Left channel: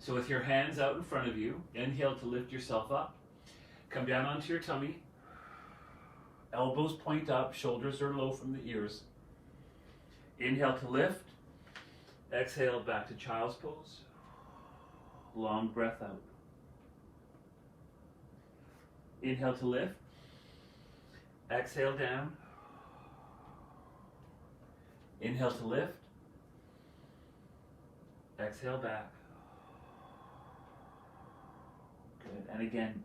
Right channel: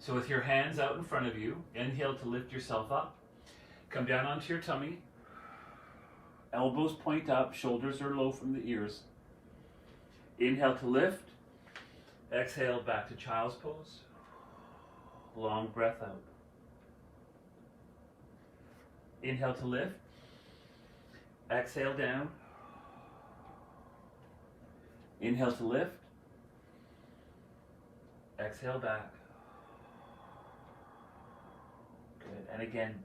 So with your hands out in front of you, inhale to lift yourself up. Come down onto your tummy. Elbows point up, shoulders are low from the ears. Inhale to lift. Exhale back to child's pose. Long breath out. Inhale to lift. Exhale down. Inhale to lift. Exhale back. Good. And again,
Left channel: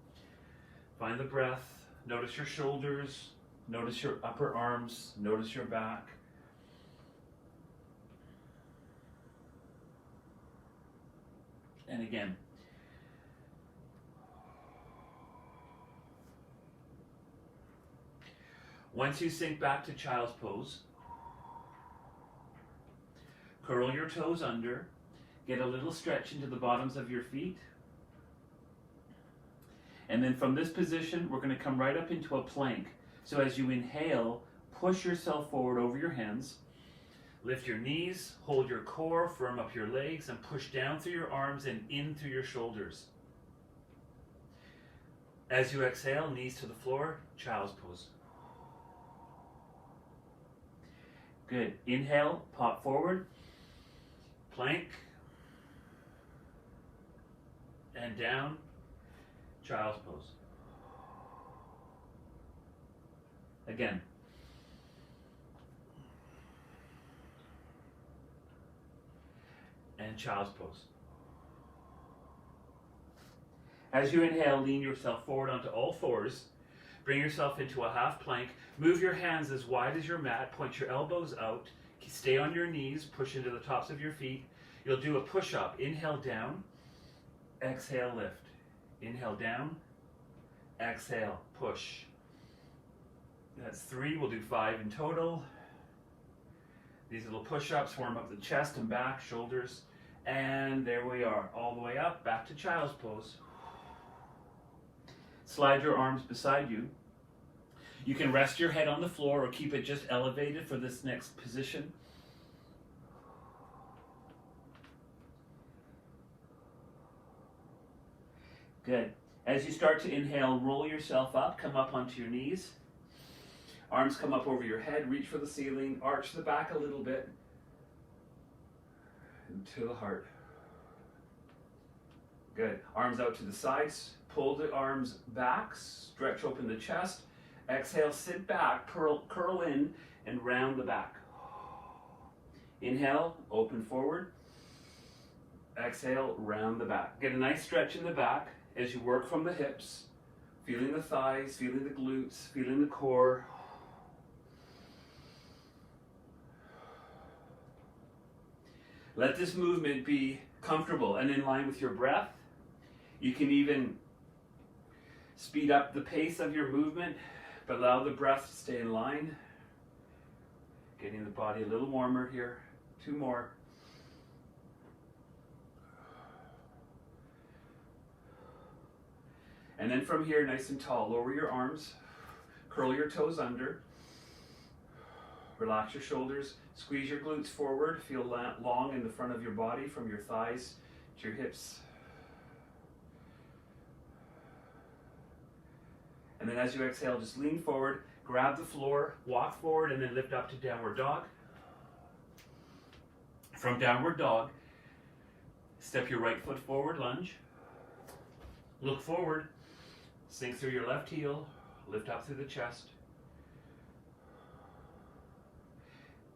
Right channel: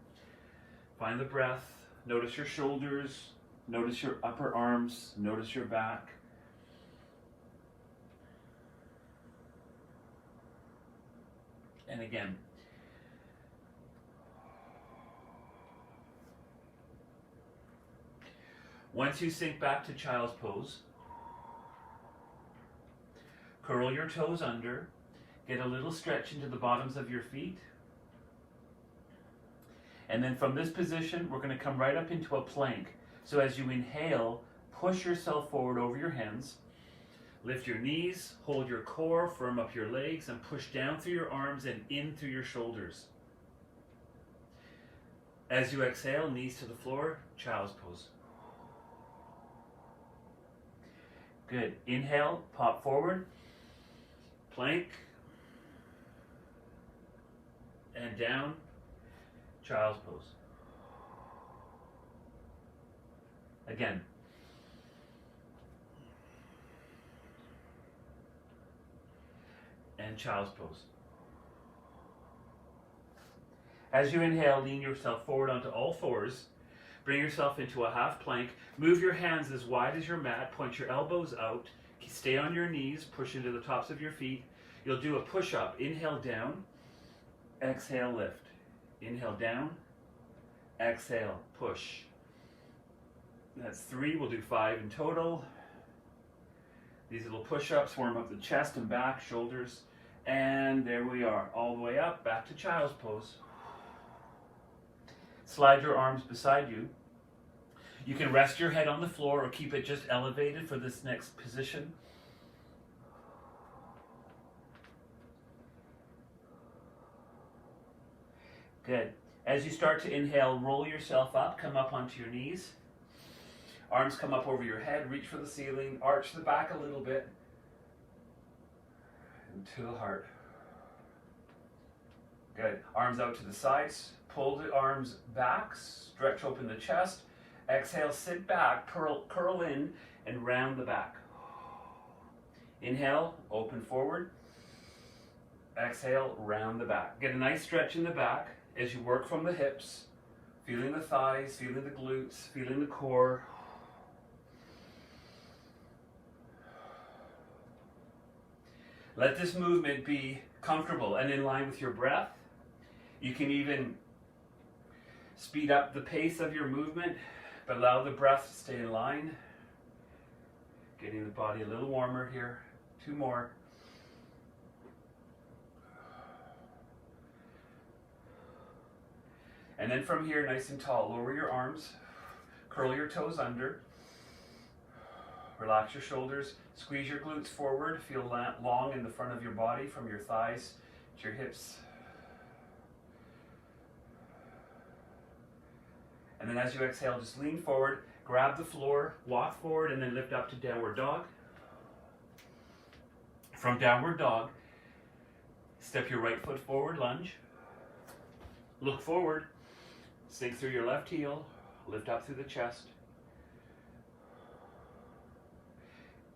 find the breath. Notice your shoulders. Notice your upper arms. Notice your back. And again. Once you sink back to child's pose, curl your toes under, get a little stretch into the bottoms of your feet. And then from this position, we're going to come right up into a plank. So as you inhale, push yourself forward over your hands. Lift your knees, hold your core, firm up your legs, and push down through your arms and in through your shoulders. As you exhale, knees to the floor, child's pose. Good. Inhale, pop forward, plank, and down, child's pose. Again. And child's pose. As you inhale, lean yourself forward onto all fours. Bring yourself into a half plank. Move your hands as wide as your mat. Point your elbows out. Stay on your knees. Push into the tops of your feet. You'll do a push-up. Inhale down. Exhale, lift. Inhale down. Exhale, push. That's 3. We'll do 5 in total. These little push-ups warm up the chest and back, shoulders. And there we are. All the way up, back to child's pose. Slide your arms beside you. You can rest your head on the floor or keep it just elevated for this next position. Good. As you start to inhale, roll yourself up, come up onto your knees. Arms come up over your head, reach for the ceiling, arch the back a little bit. Into the heart. Good. Arms out to the sides. Pull the arms back, stretch open the chest. Exhale, sit back, curl in, and round the back. Inhale, open forward. Exhale, round the back. Get a nice stretch in the back as you work from the hips, feeling the thighs, feeling the glutes, feeling the core. Let this movement be comfortable and in line with your breath. You can even speed up the pace of your movement, but allow the breath to stay in line. Getting the body a little warmer here. 2 more. And then from here, nice and tall, lower your arms, curl your toes under, relax your shoulders, squeeze your glutes forward, feel long in the front of your body from your thighs to your hips. And then as you exhale, just lean forward, grab the floor, walk forward, and then lift up to downward dog. From downward dog, step your right foot forward, lunge. Look forward, sink through your left heel, lift up through the chest.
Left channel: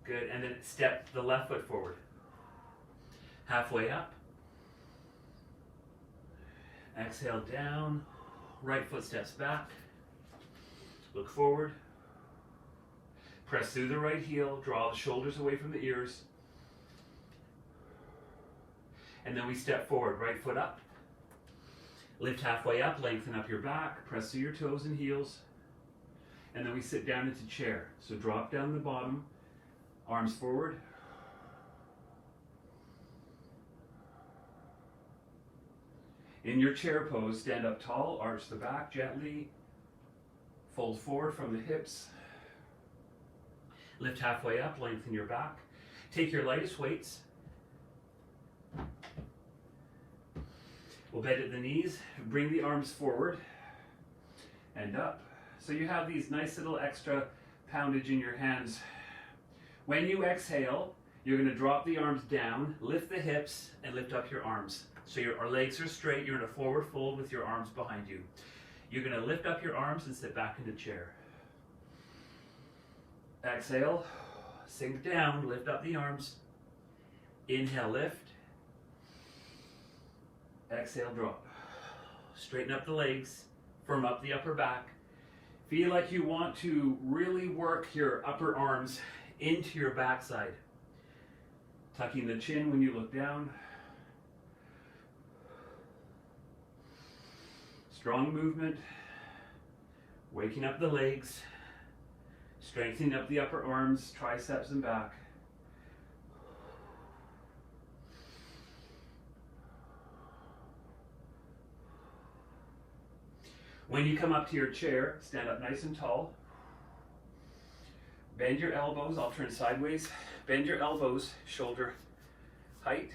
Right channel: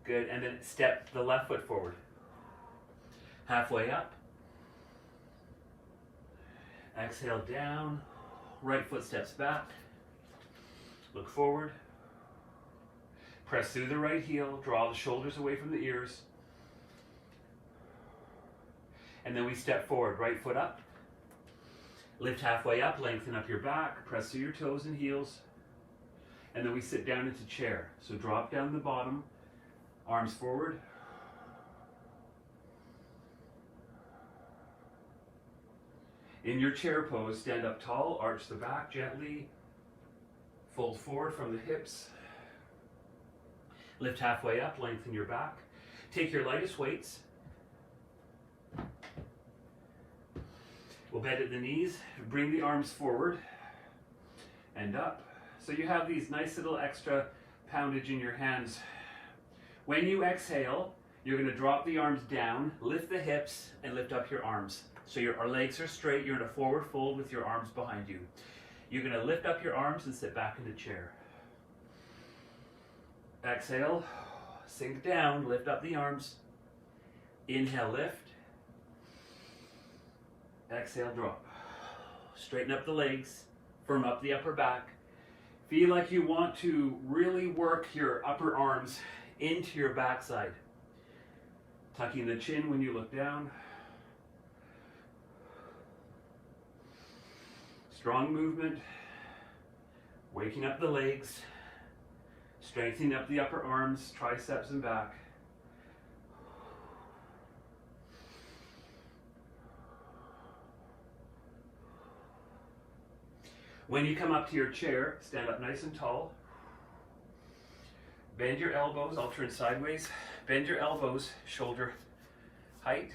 Good, and then step the left foot forward. Halfway up. Exhale down, right foot steps back. Look forward. Press through the right heel, draw the shoulders away from the ears. And then we step forward, right foot up. Lift halfway up, lengthen up your back, press through your toes and heels. And then we sit down into chair. So drop down the bottom, arms forward. In your chair pose, stand up tall, arch the back gently, fold forward from the hips. Lift halfway up, lengthen your back. Take your lightest weights. We'll bend at the knees, bring the arms forward and up. So you have these nice little extra poundage in your hands. When you exhale, you're going to drop the arms down, lift the hips, and lift up your arms. So your legs are straight, you're in a forward fold with your arms behind you. You're going to lift up your arms and sit back in the chair. Exhale, sink down, lift up the arms. Inhale, lift. Exhale, drop. Straighten up the legs, firm up the upper back. Feel like you want to really work your upper arms into your backside. Tucking the chin when you look down. Strong movement. Waking up the legs. Strengthening up the upper arms, triceps and back. When you come up to your chair, stand up nice and tall. Bend your elbows, I'll turn sideways. Bend your elbows, shoulder height.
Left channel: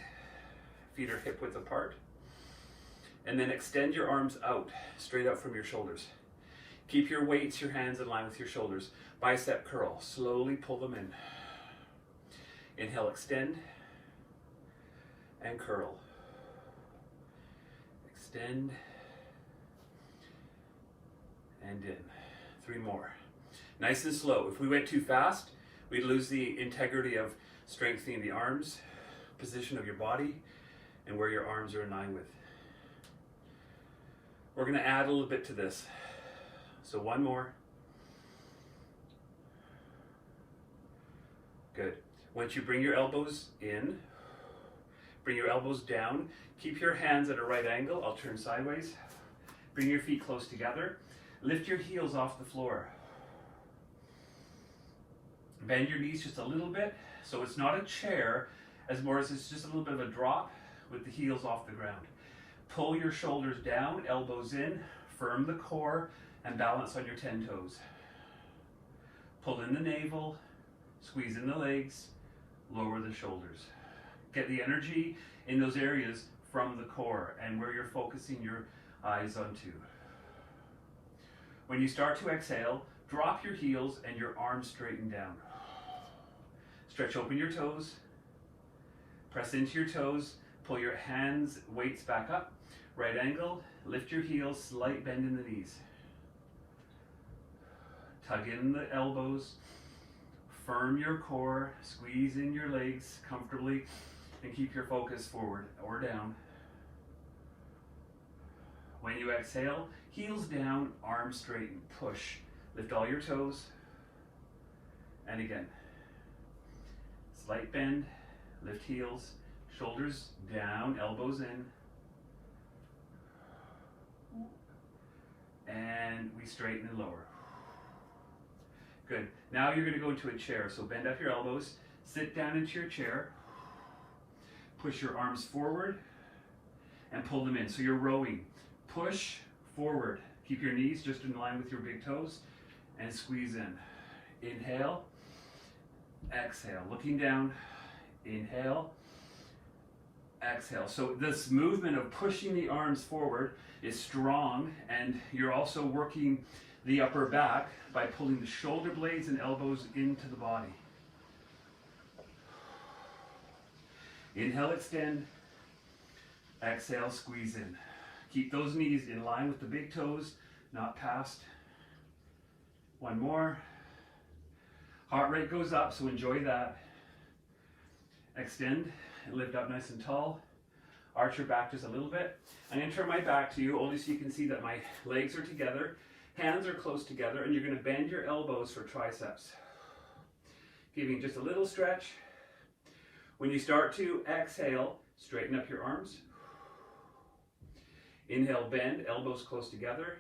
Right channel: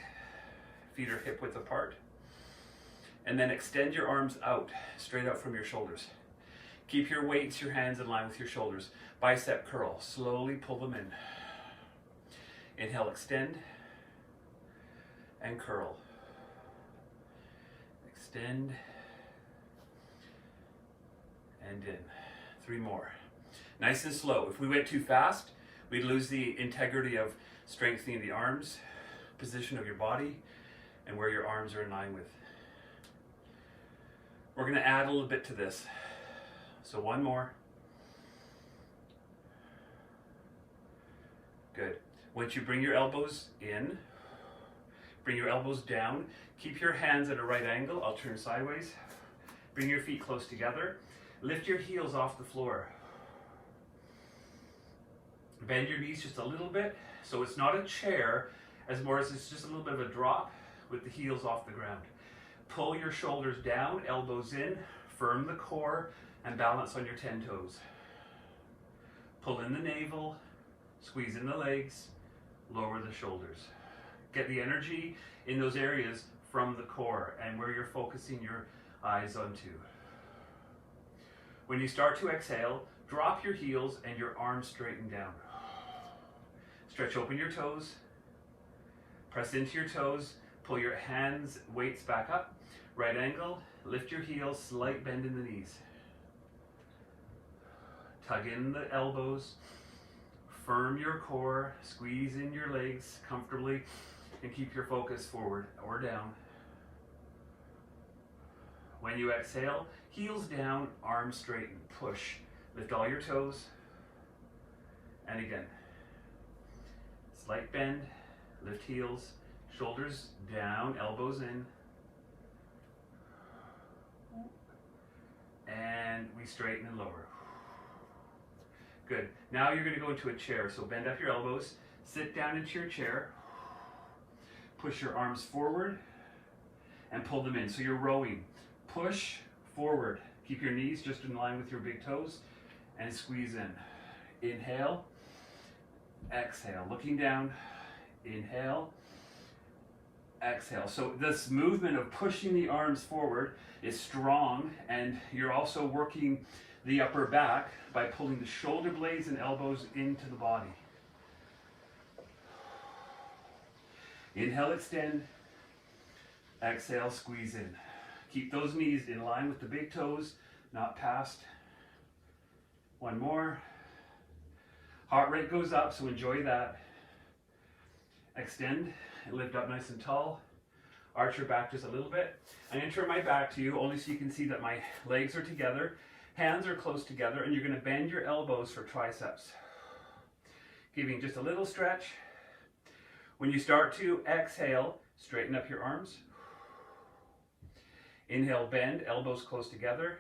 Feet are hip width apart. And then extend your arms out, straight out from your shoulders. Keep your weights, your hands in line with your shoulders. Bicep curl, slowly pull them in. Inhale, extend and curl. Extend and in. 3 more. Nice and slow. If we went too fast, we'd lose the integrity of strengthening the arms, position of your body, and where your arms are in line with. We're going to add a little bit to this. So 1 more. Good. Once you bring your elbows in, bring your elbows down, keep your hands at a right angle. I'll turn sideways. Bring your feet close together. Lift your heels off the floor. Bend your knees just a little bit, so it's not a chair, as more as it's just a little bit of a drop with the heels off the ground. Pull your shoulders down, elbows in, firm the core, and balance on your 10 toes. Pull in the navel, squeeze in the legs, lower the shoulders. Get the energy in those areas from the core and where you're focusing your eyes onto. When you start to exhale, drop your heels and your arms straighten down. Stretch open your toes, press into your toes, pull your hands, weights back up, right angle, lift your heels, slight bend in the knees. Tug in the elbows, firm your core, squeeze in your legs comfortably, and keep your focus forward or down. When you exhale, heels down, arms straighten, push. Lift all your toes. And again, slight bend, lift heels, shoulders down, elbows in. And we straighten and lower. Good. Now you're going to go into a chair. So bend up your elbows, sit down into your chair, push your arms forward, and pull them in. So you're rowing. Push forward. Keep your knees just in line with your big toes and squeeze in. Inhale, exhale. Looking down, inhale, exhale. So this movement of pushing the arms forward is strong, and you're also working the upper back by pulling the shoulder blades and elbows into the body. Inhale, extend. Exhale, squeeze in. Keep those knees in line with the big toes, not past. 1 more. Heart rate goes up, so enjoy that. Extend and lift up nice and tall. Arch your back just a little bit. I'm going to turn my back to you, only so you can see that my legs are together. Hands are close together, and you're going to bend your elbows for triceps. Giving just a little stretch. When you start to exhale, straighten up your arms. Inhale, bend, elbows close together.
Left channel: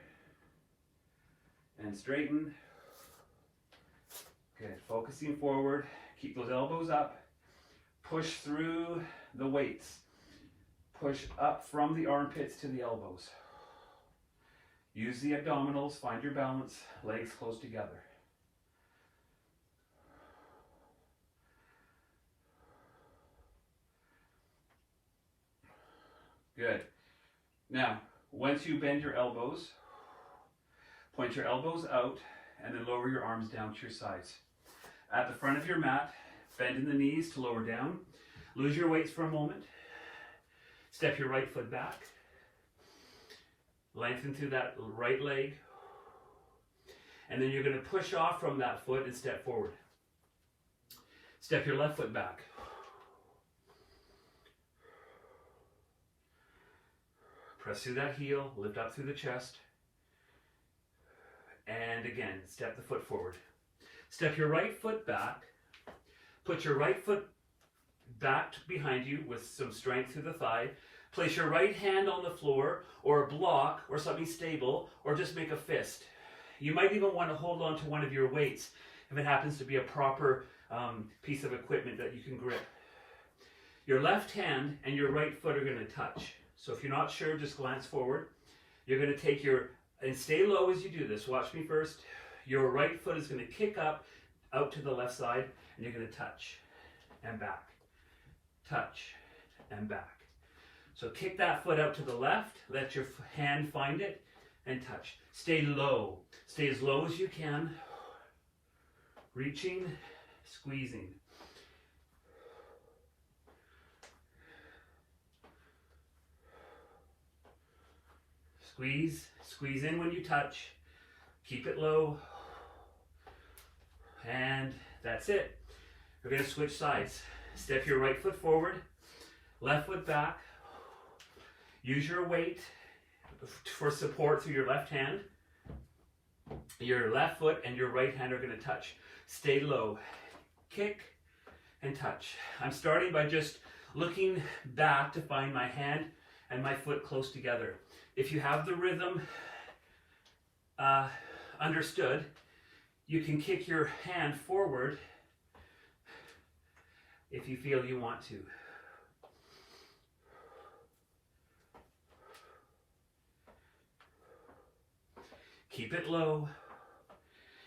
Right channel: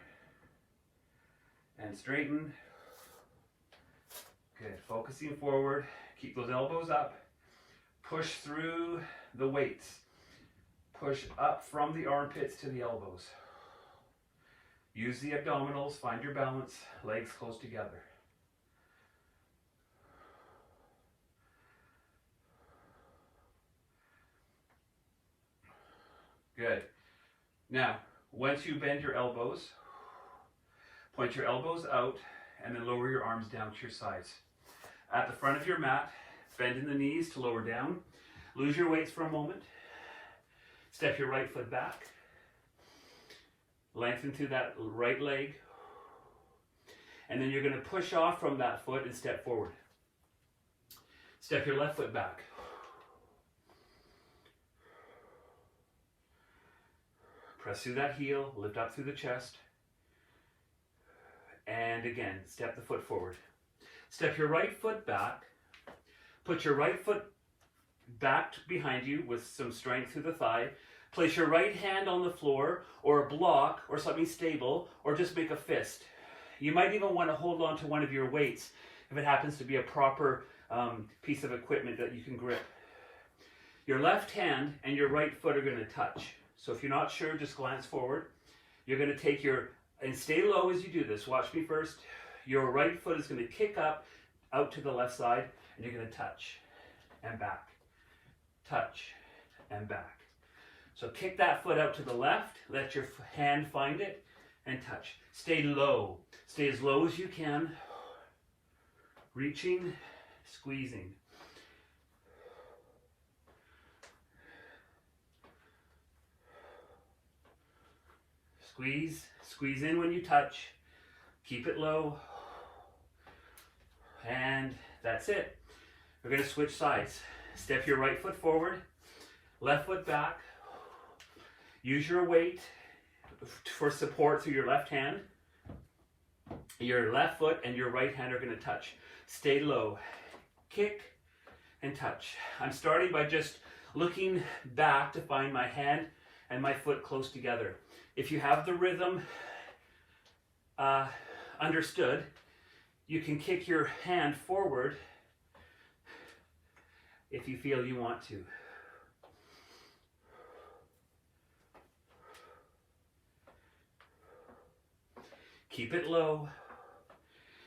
And straighten. Good. Focusing forward. Keep those elbows up. Push through the weights. Push up from the armpits to the elbows. Use the abdominals. Find your balance. Legs close together. Good. Now, once you bend your elbows, point your elbows out and then lower your arms down to your sides. At the front of your mat, bend in the knees to lower down. Lose your weights for a moment. Step your right foot back. Lengthen through that right leg. And then you're going to push off from that foot and step forward. Step your left foot back. Press through that heel, lift up through the chest. And again, step the foot forward. Step your right foot back. Put your right foot back behind you with some strength through the thigh. Place your right hand on the floor or a block or something stable, or just make a fist. You might even want to hold on to one of your weights if it happens to be a proper piece of equipment that you can grip. Your left hand and your right foot are going to touch. So if you're not sure, just glance forward. You're going to take and stay low as you do this. Watch me first. Your right foot is going to kick up, out to the left side, and you're going to touch and back. Touch and back. So kick that foot out to the left, let your hand find it, and touch. Stay low. Stay as low as you can. Reaching, squeezing. Squeeze in when you touch. Keep it low. And that's it. We're going to switch sides. Step your right foot forward, left foot back. Use your weight for support through your left hand. Your left foot and your right hand are going to touch. Stay low. Kick and touch. I'm starting by just looking back to find my hand and my foot close together. If you have the rhythm understood, you can kick your hand forward if you feel you want to. Keep it low.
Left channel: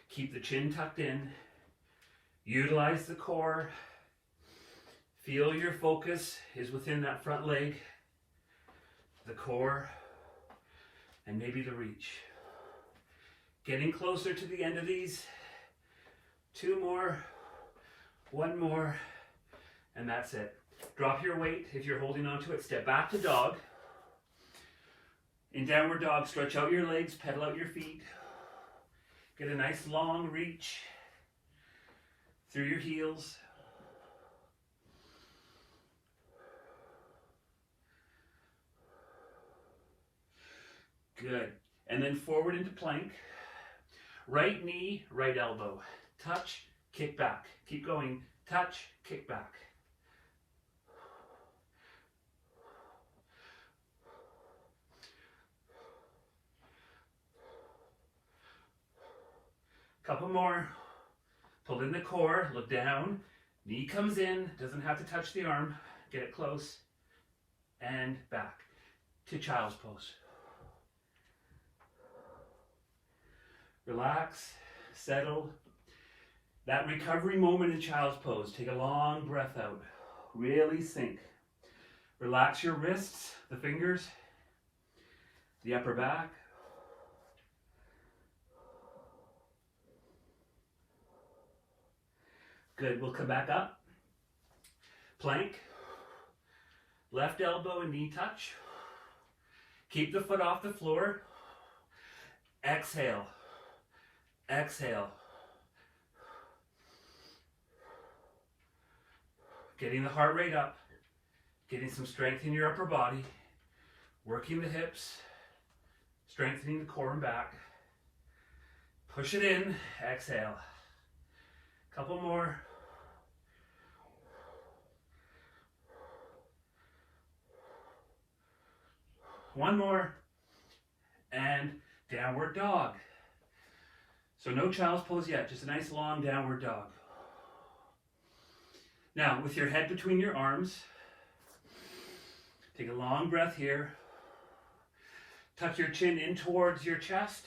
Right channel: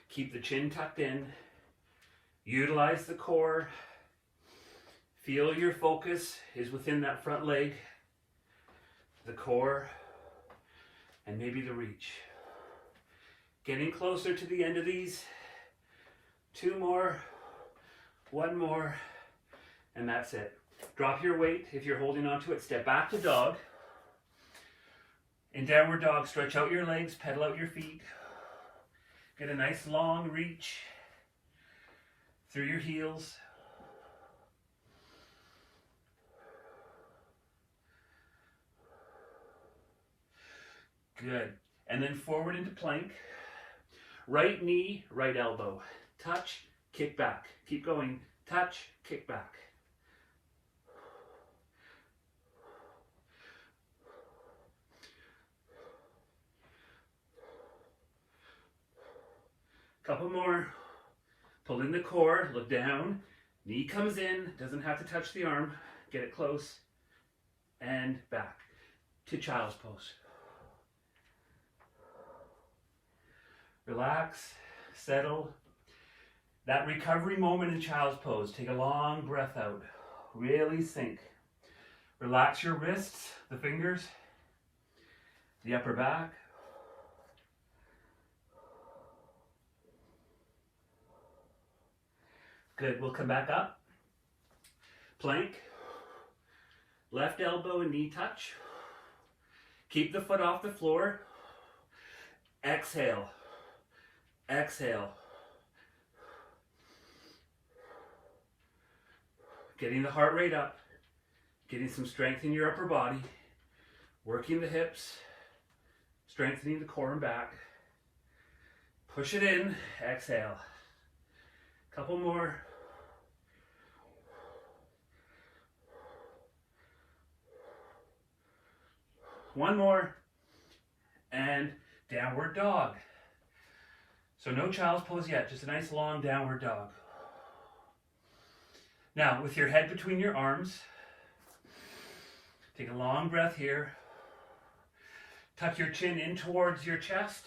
Keep the chin tucked in. Utilize the core. Feel your focus is within that front leg, the core, and maybe the reach. Getting closer to the end of these. 2 more, 1 more, and that's it. Drop your weight if you're holding onto it. Step back to dog. In downward dog, stretch out your legs, pedal out your feet. Get a nice long reach through your heels. Good. And then forward into plank. Right knee, right elbow. Touch, kick back. Keep going. Touch, kick back. Couple more. Pull in the core, look down. Knee comes in, doesn't have to touch the arm. Get it close. And back to child's pose. Relax, settle. That recovery moment in child's pose. Take a long breath out. Really sink. Relax your wrists, the fingers, the upper back. Good, we'll come back up. Plank. Left elbow and knee touch. Keep the foot off the floor. Exhale. Exhale. Getting the heart rate up. Getting some strength in your upper body. Working the hips. Strengthening the core and back. Push it in. Exhale. Couple more. One more. And downward dog. So no child's pose yet, just a nice long downward dog. Now, with your head between your arms, take a long breath here. Tuck your chin in towards your chest.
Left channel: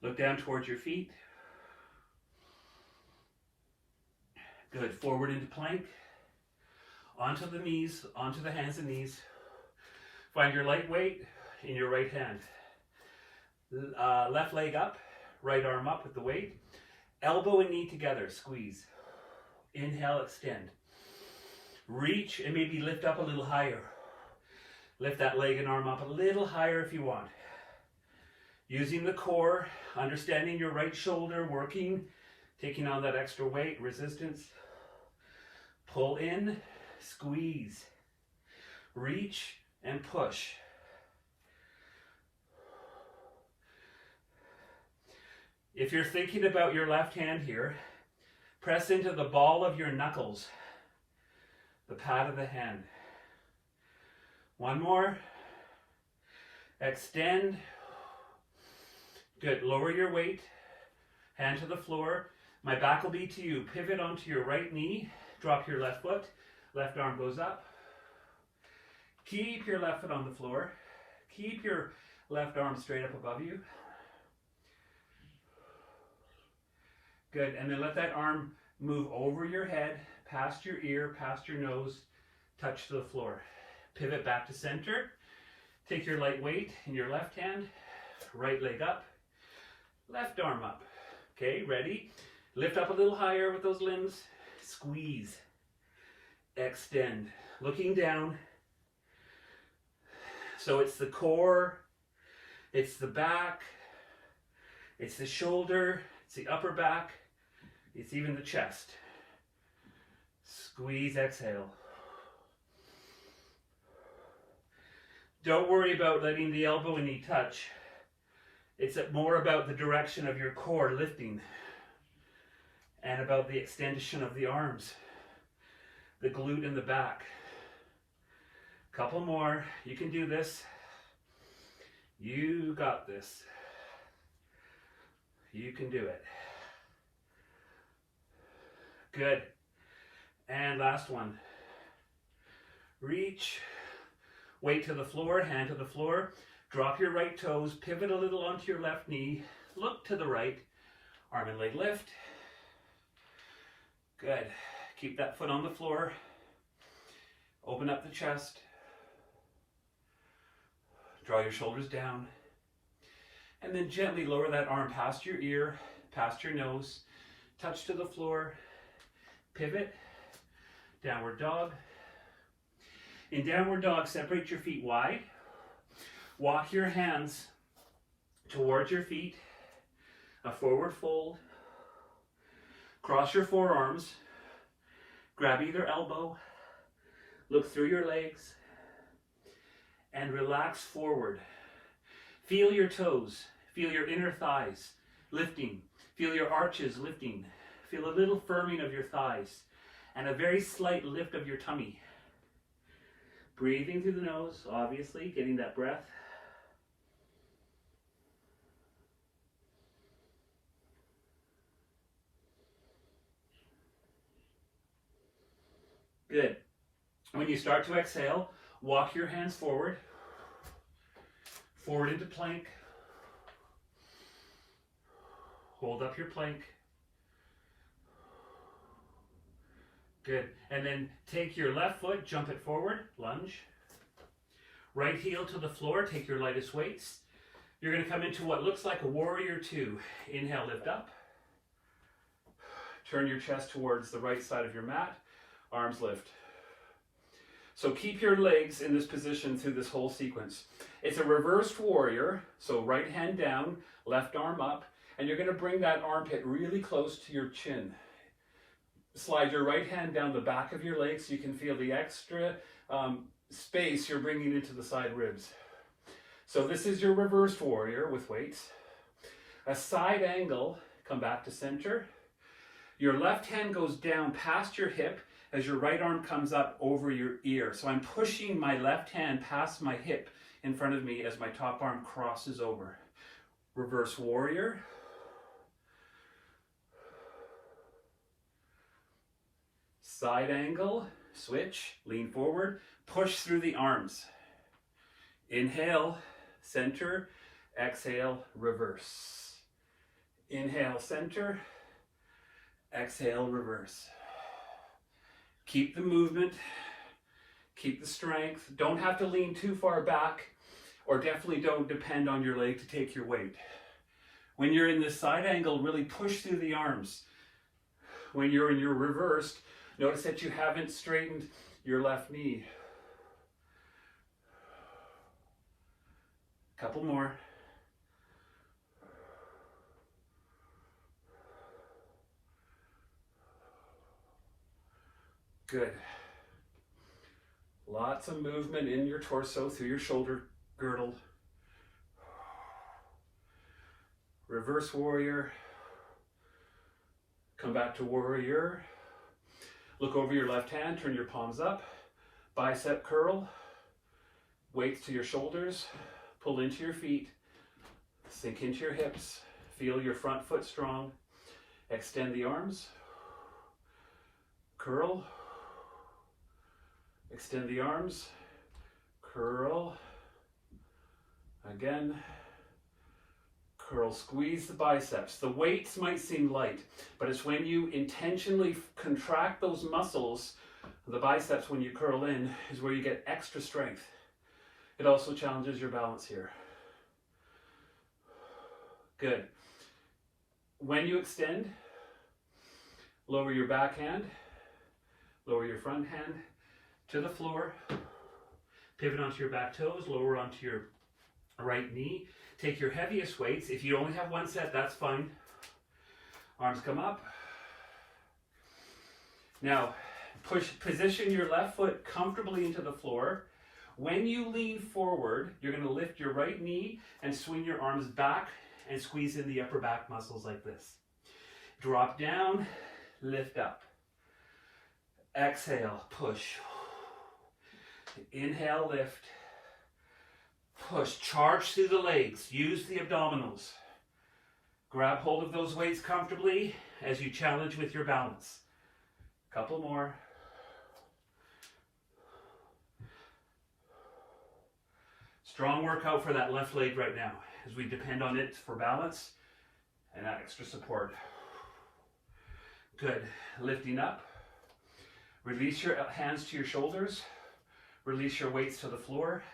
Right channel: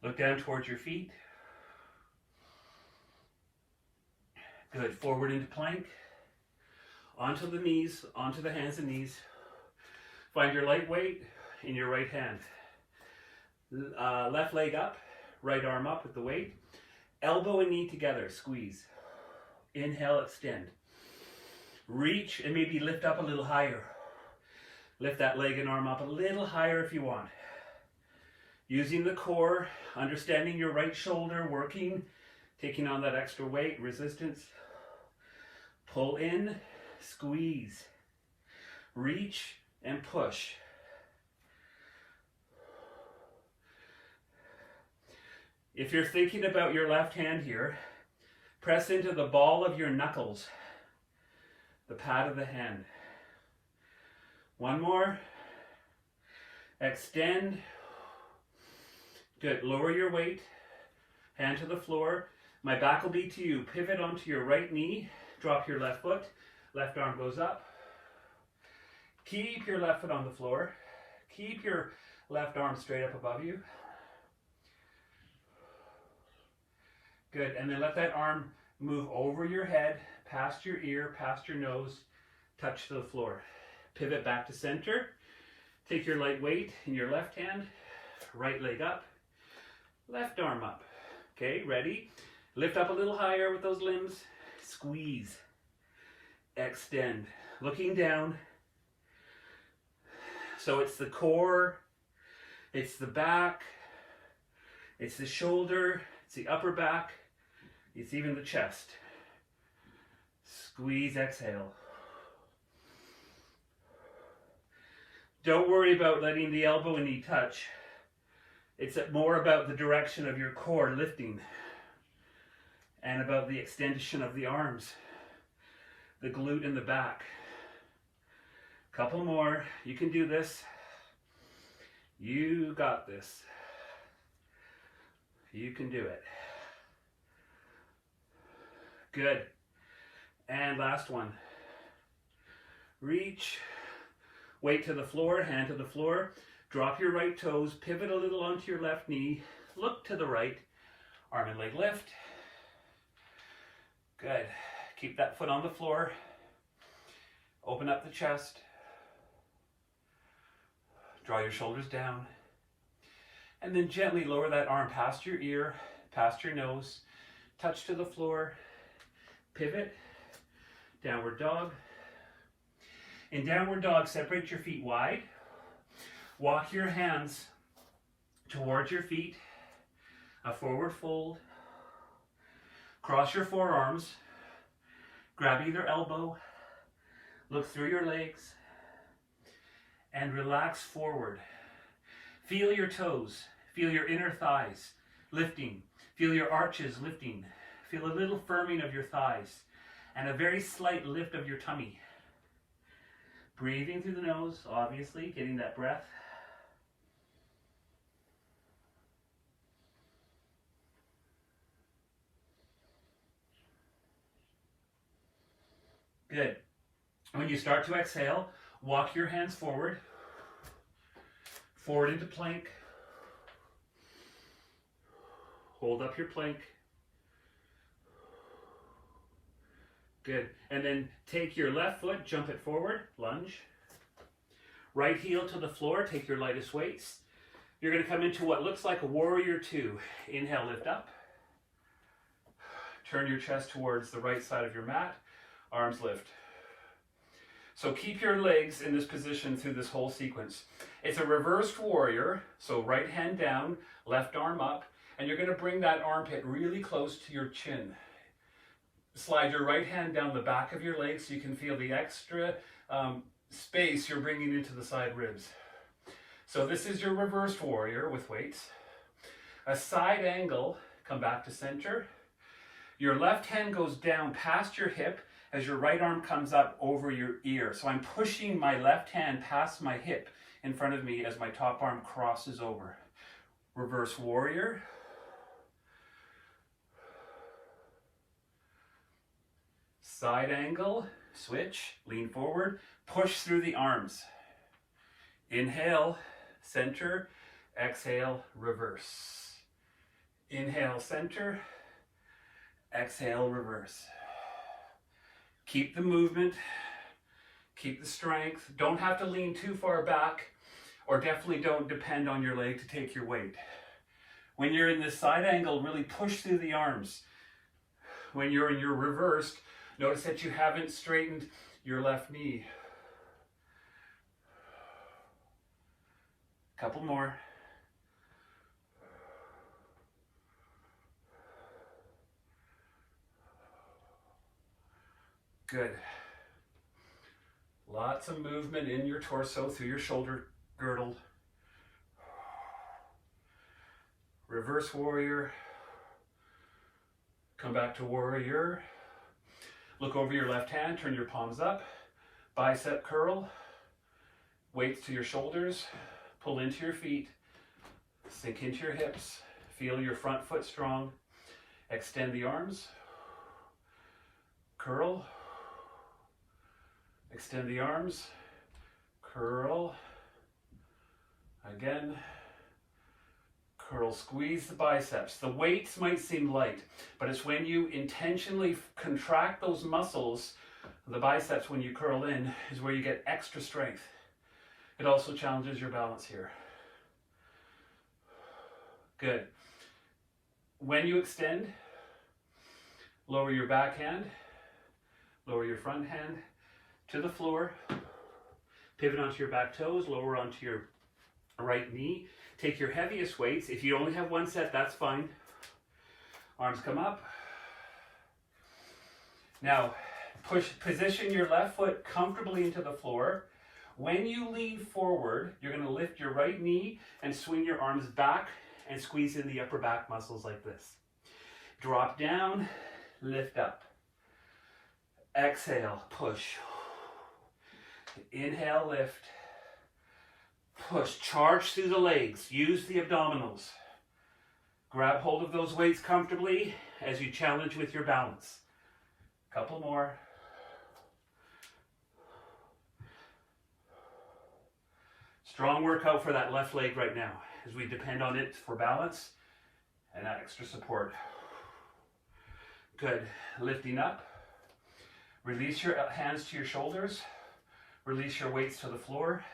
Look down towards your feet. Good. Forward into plank. onto the knees, onto the hands and knees. Find your light weight in your right hand. Left leg up, right arm up with the weight. Elbow and knee together, squeeze. Inhale, extend. Reach and maybe lift up a little higher. Lift that leg and arm up a little higher if you want. Using the core, understanding your right shoulder, working, taking on that extra weight, resistance. Pull in, squeeze. Reach and push. If you're thinking about your left hand here, press into the ball of your knuckles, the pad of the hand. One more. Extend. Good. Lower your weight. Hand to the floor. My back will be to you. Pivot onto your right knee. Drop your left foot. Left arm goes up. Keep your left foot on the floor. Keep your left arm straight up above you. Good. And then let that arm move over your head, past your ear, past your nose, touch to the floor. Pivot back to center. Take your light weight in your left hand, right leg up, left arm up. Okay, ready? Lift up a little higher with those limbs. Squeeze. Extend. Looking down. So it's the core, it's the back, it's the shoulder, it's the upper back, it's even the chest. Squeeze, exhale. Don't worry about letting the elbow and knee touch. It's more about the direction of your core lifting and about the extension of the arms, the glute in the back. Couple more. You can do this. You got this. You can do it. Good. And last one. Reach. Weight to the floor, hand to the floor. Drop your right toes. Pivot a little onto your left knee. Look to the right. Arm and leg lift. Good. Keep that foot on the floor. Open up the chest. Draw your shoulders down. And then gently lower that arm past your ear, past your nose. Touch to the floor. Pivot. Downward dog. In downward dog, separate your feet wide. Walk your hands towards your feet. A forward fold. Cross your forearms. Grab either elbow. Look through your legs. And relax forward. Feel your toes. Feel your inner thighs lifting. Feel your arches lifting. Feel a little firming of your thighs. And a very slight lift of your tummy. Breathing through the nose, obviously, getting that breath. Good. When you start to exhale, walk your hands forward. Forward into plank. Hold up your plank. Good. And then take your left foot, jump it forward, lunge. Right heel to the floor, take your lightest weights. You're going to come into what looks like a warrior two. Inhale, lift up. Turn your chest towards the right side of your mat. Arms lift. So keep your legs in this position through this whole sequence. It's a reversed warrior, so right hand down, left arm up, and you're going to bring that armpit really close to your chin. Slide your right hand down the back of your leg so you can feel the extra space you're bringing into the side ribs. So this is your reversed warrior with weights. A side angle, come back to center. Your left hand goes down past your hip as your right arm comes up over your ear. So I'm pushing my left hand past my hip in front of me as my top arm crosses over. Reverse warrior. Side angle, switch, lean forward, push through the arms. Inhale, center, exhale, reverse. Inhale, center, exhale, reverse. Keep the movement, Keep the strength. Don't have to lean too far back, or definitely don't depend on your leg to take your weight. When you're in this side angle, really push through the arms. When you're in your reversed, notice that you haven't straightened your left knee. Couple more. Good. Lots of movement in your torso through your shoulder girdle. Reverse warrior. Come back to warrior. Look over your left hand, turn your palms up. Bicep curl. Weights to your shoulders. Pull into your feet. Sink into your hips. Feel your front foot strong. Extend the arms. Curl. Extend the arms. Curl. Again. Curl, squeeze the biceps. The weights might seem light, but it's when you intentionally contract those muscles, the biceps, when you curl in, is where you get extra strength. It also challenges your balance here. Good. When you extend, lower your back hand, lower your front hand to the floor, pivot onto your back toes, lower onto your right knee. Take your heaviest weights. If you only have one set, that's fine. Arms come up. Now, position your left foot comfortably into the floor. When you lean forward, you're going to lift your right knee and swing your arms back and squeeze in the upper back muscles like this. Drop down, lift up. Exhale, push. Inhale, lift. Push, charge through the legs, use the abdominals. Grab hold of those weights comfortably as you challenge with your balance. Couple more. Strong workout for that left leg right now as we depend on it for balance and that extra support. Good, lifting up. Release your hands to your shoulders. Release your weights to the floor.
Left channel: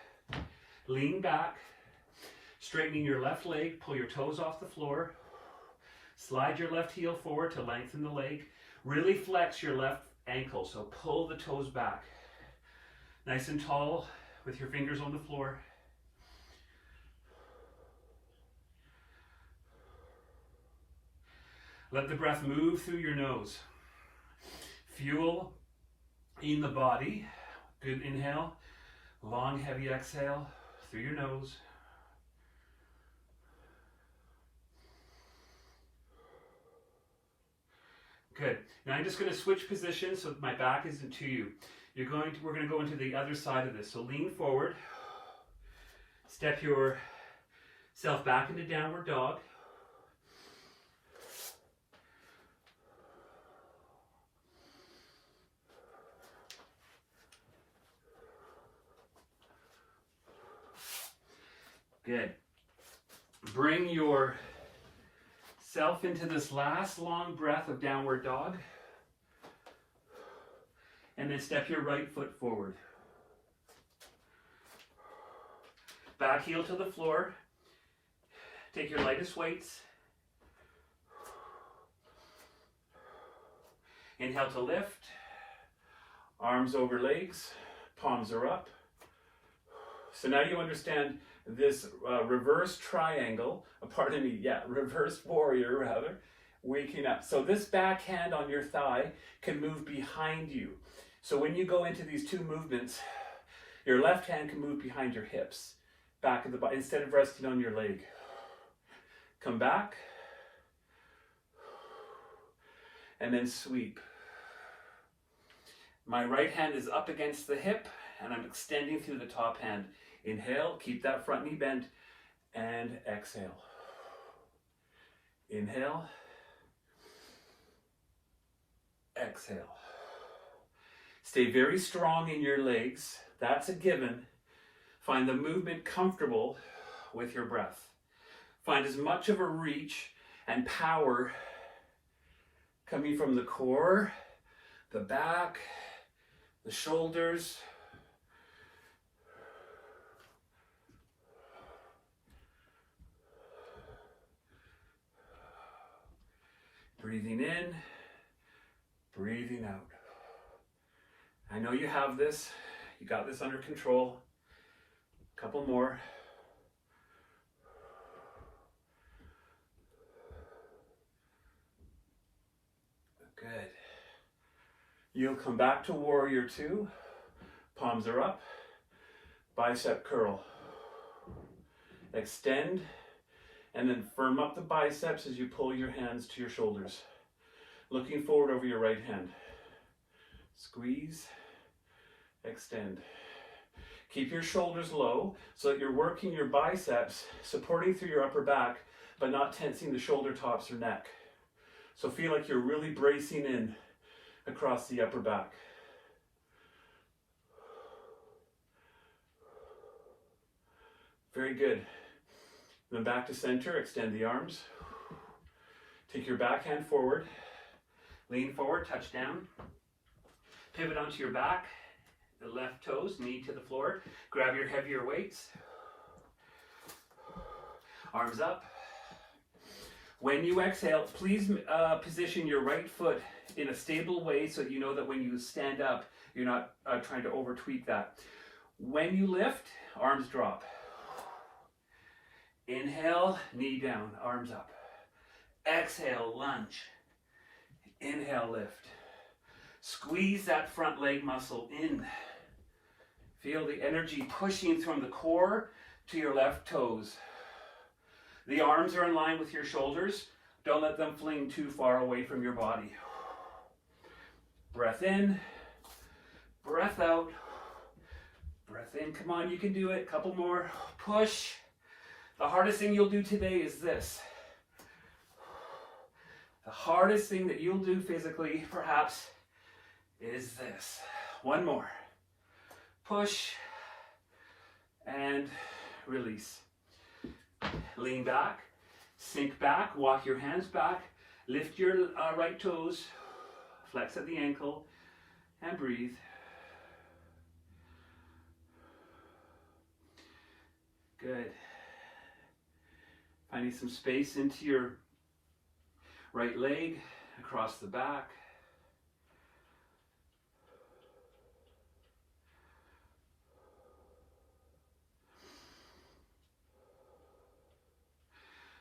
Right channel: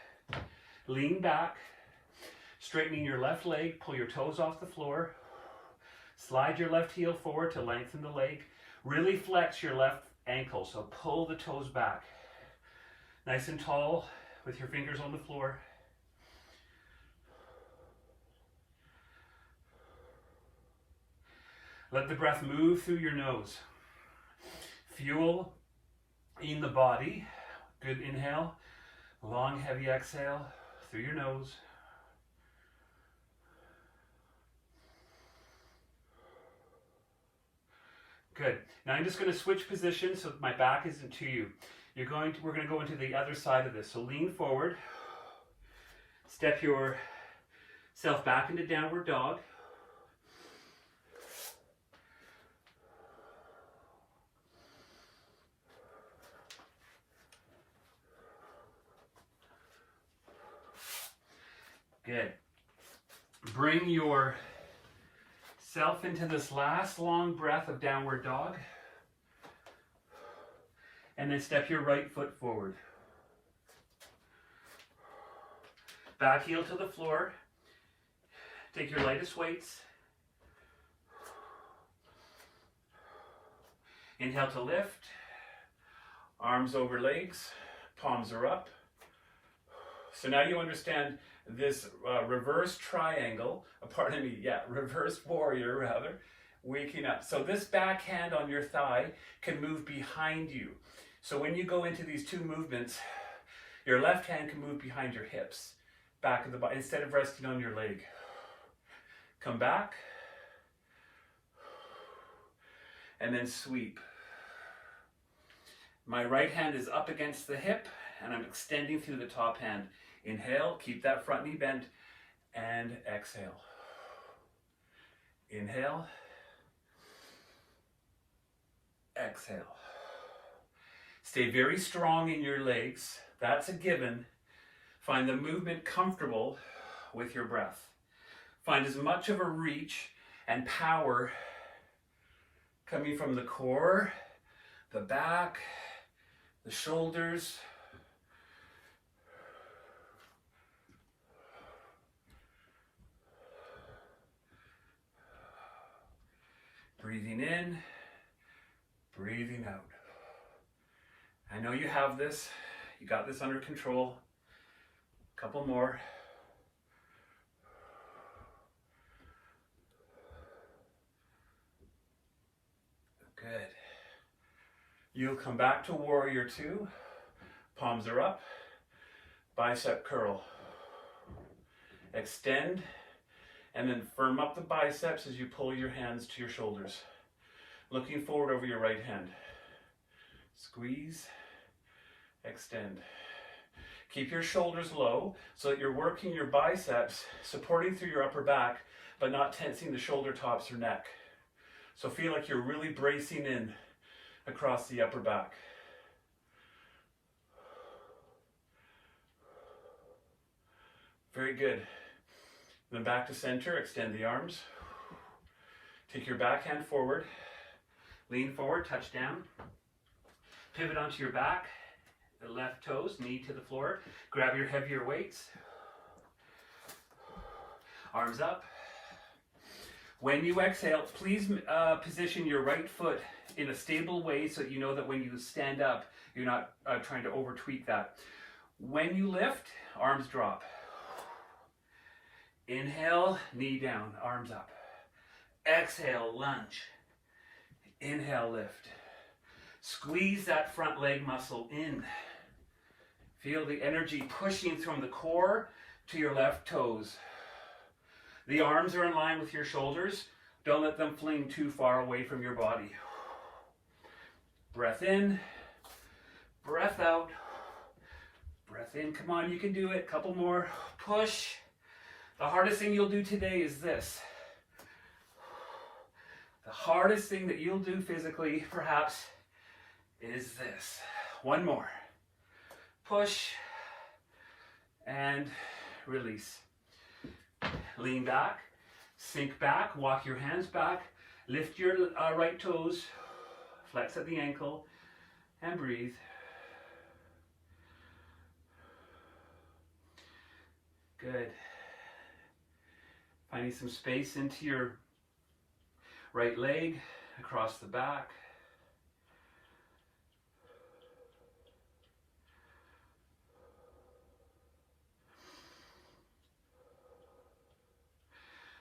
Lean back, straightening your left leg, pull your toes off the floor. Slide your left heel forward to lengthen the leg. Really flex your left ankle, so pull the toes back. Nice and tall with your fingers on the floor. Let the breath move through your nose. Fuel in the body. Good inhale. Long, heavy exhale through your nose. Good. Now I'm just going to switch positions so my back isn't to you. We're going to go into the other side of this. So lean forward. Step yourself back into downward dog. Good. Bring yourself into this last long breath of downward dog. And then step your right foot forward. Back heel to the floor. Take your lightest weights. Inhale to lift. Arms over legs. Palms are up. So now you understand this reverse triangle, reverse warrior rather, waking up. So this back hand on your thigh can move behind you. So when you go into these two movements, your left hand can move behind your hips, back of the body, instead of resting on your leg. Come back, and then sweep. My right hand is up against the hip, and I'm extending through the top hand. Inhale, keep that front knee bent, and exhale. Inhale, exhale. Stay very strong in your legs. That's a given. Find the movement comfortable with your breath. Find as much of a reach and power coming from the core, the back, the shoulders, Breathing in, breathing out. I know you have this. You got this under control. A couple more. Good. You'll come back to warrior two. Palms are up. Bicep curl. Extend and then firm up the biceps as you pull your hands to your shoulders. Looking forward over your right hand. Squeeze, extend. Keep your shoulders low so that you're working your biceps, supporting through your upper back, but not tensing the shoulder tops or neck. So feel like you're really bracing in across the upper back. Very good. Then back to center, extend the arms. Take your back hand forward. Lean forward, touch down. Pivot onto your back, the left toes, knee to the floor. Grab your heavier weights. Arms up. When you exhale, please position your right foot in a stable way so that you know that when you stand up, you're not trying to over tweak that. When you lift, arms drop. Inhale, knee down, arms up. Exhale, lunge. Inhale, lift. Squeeze that front leg muscle in. Feel the energy pushing from the core to your left toes. The arms are in line with your shoulders. Don't let them fling too far away from your body. Breath in, breath out, breath in. Come on, you can do it. Couple more. Push. The hardest thing you'll do today is this. The hardest thing that you'll do physically, perhaps, is this. One more. Push and release. Lean back, sink back, walk your hands back, lift your right toes, flex at the ankle, and breathe. Good. Finding some space into your right leg, across the back.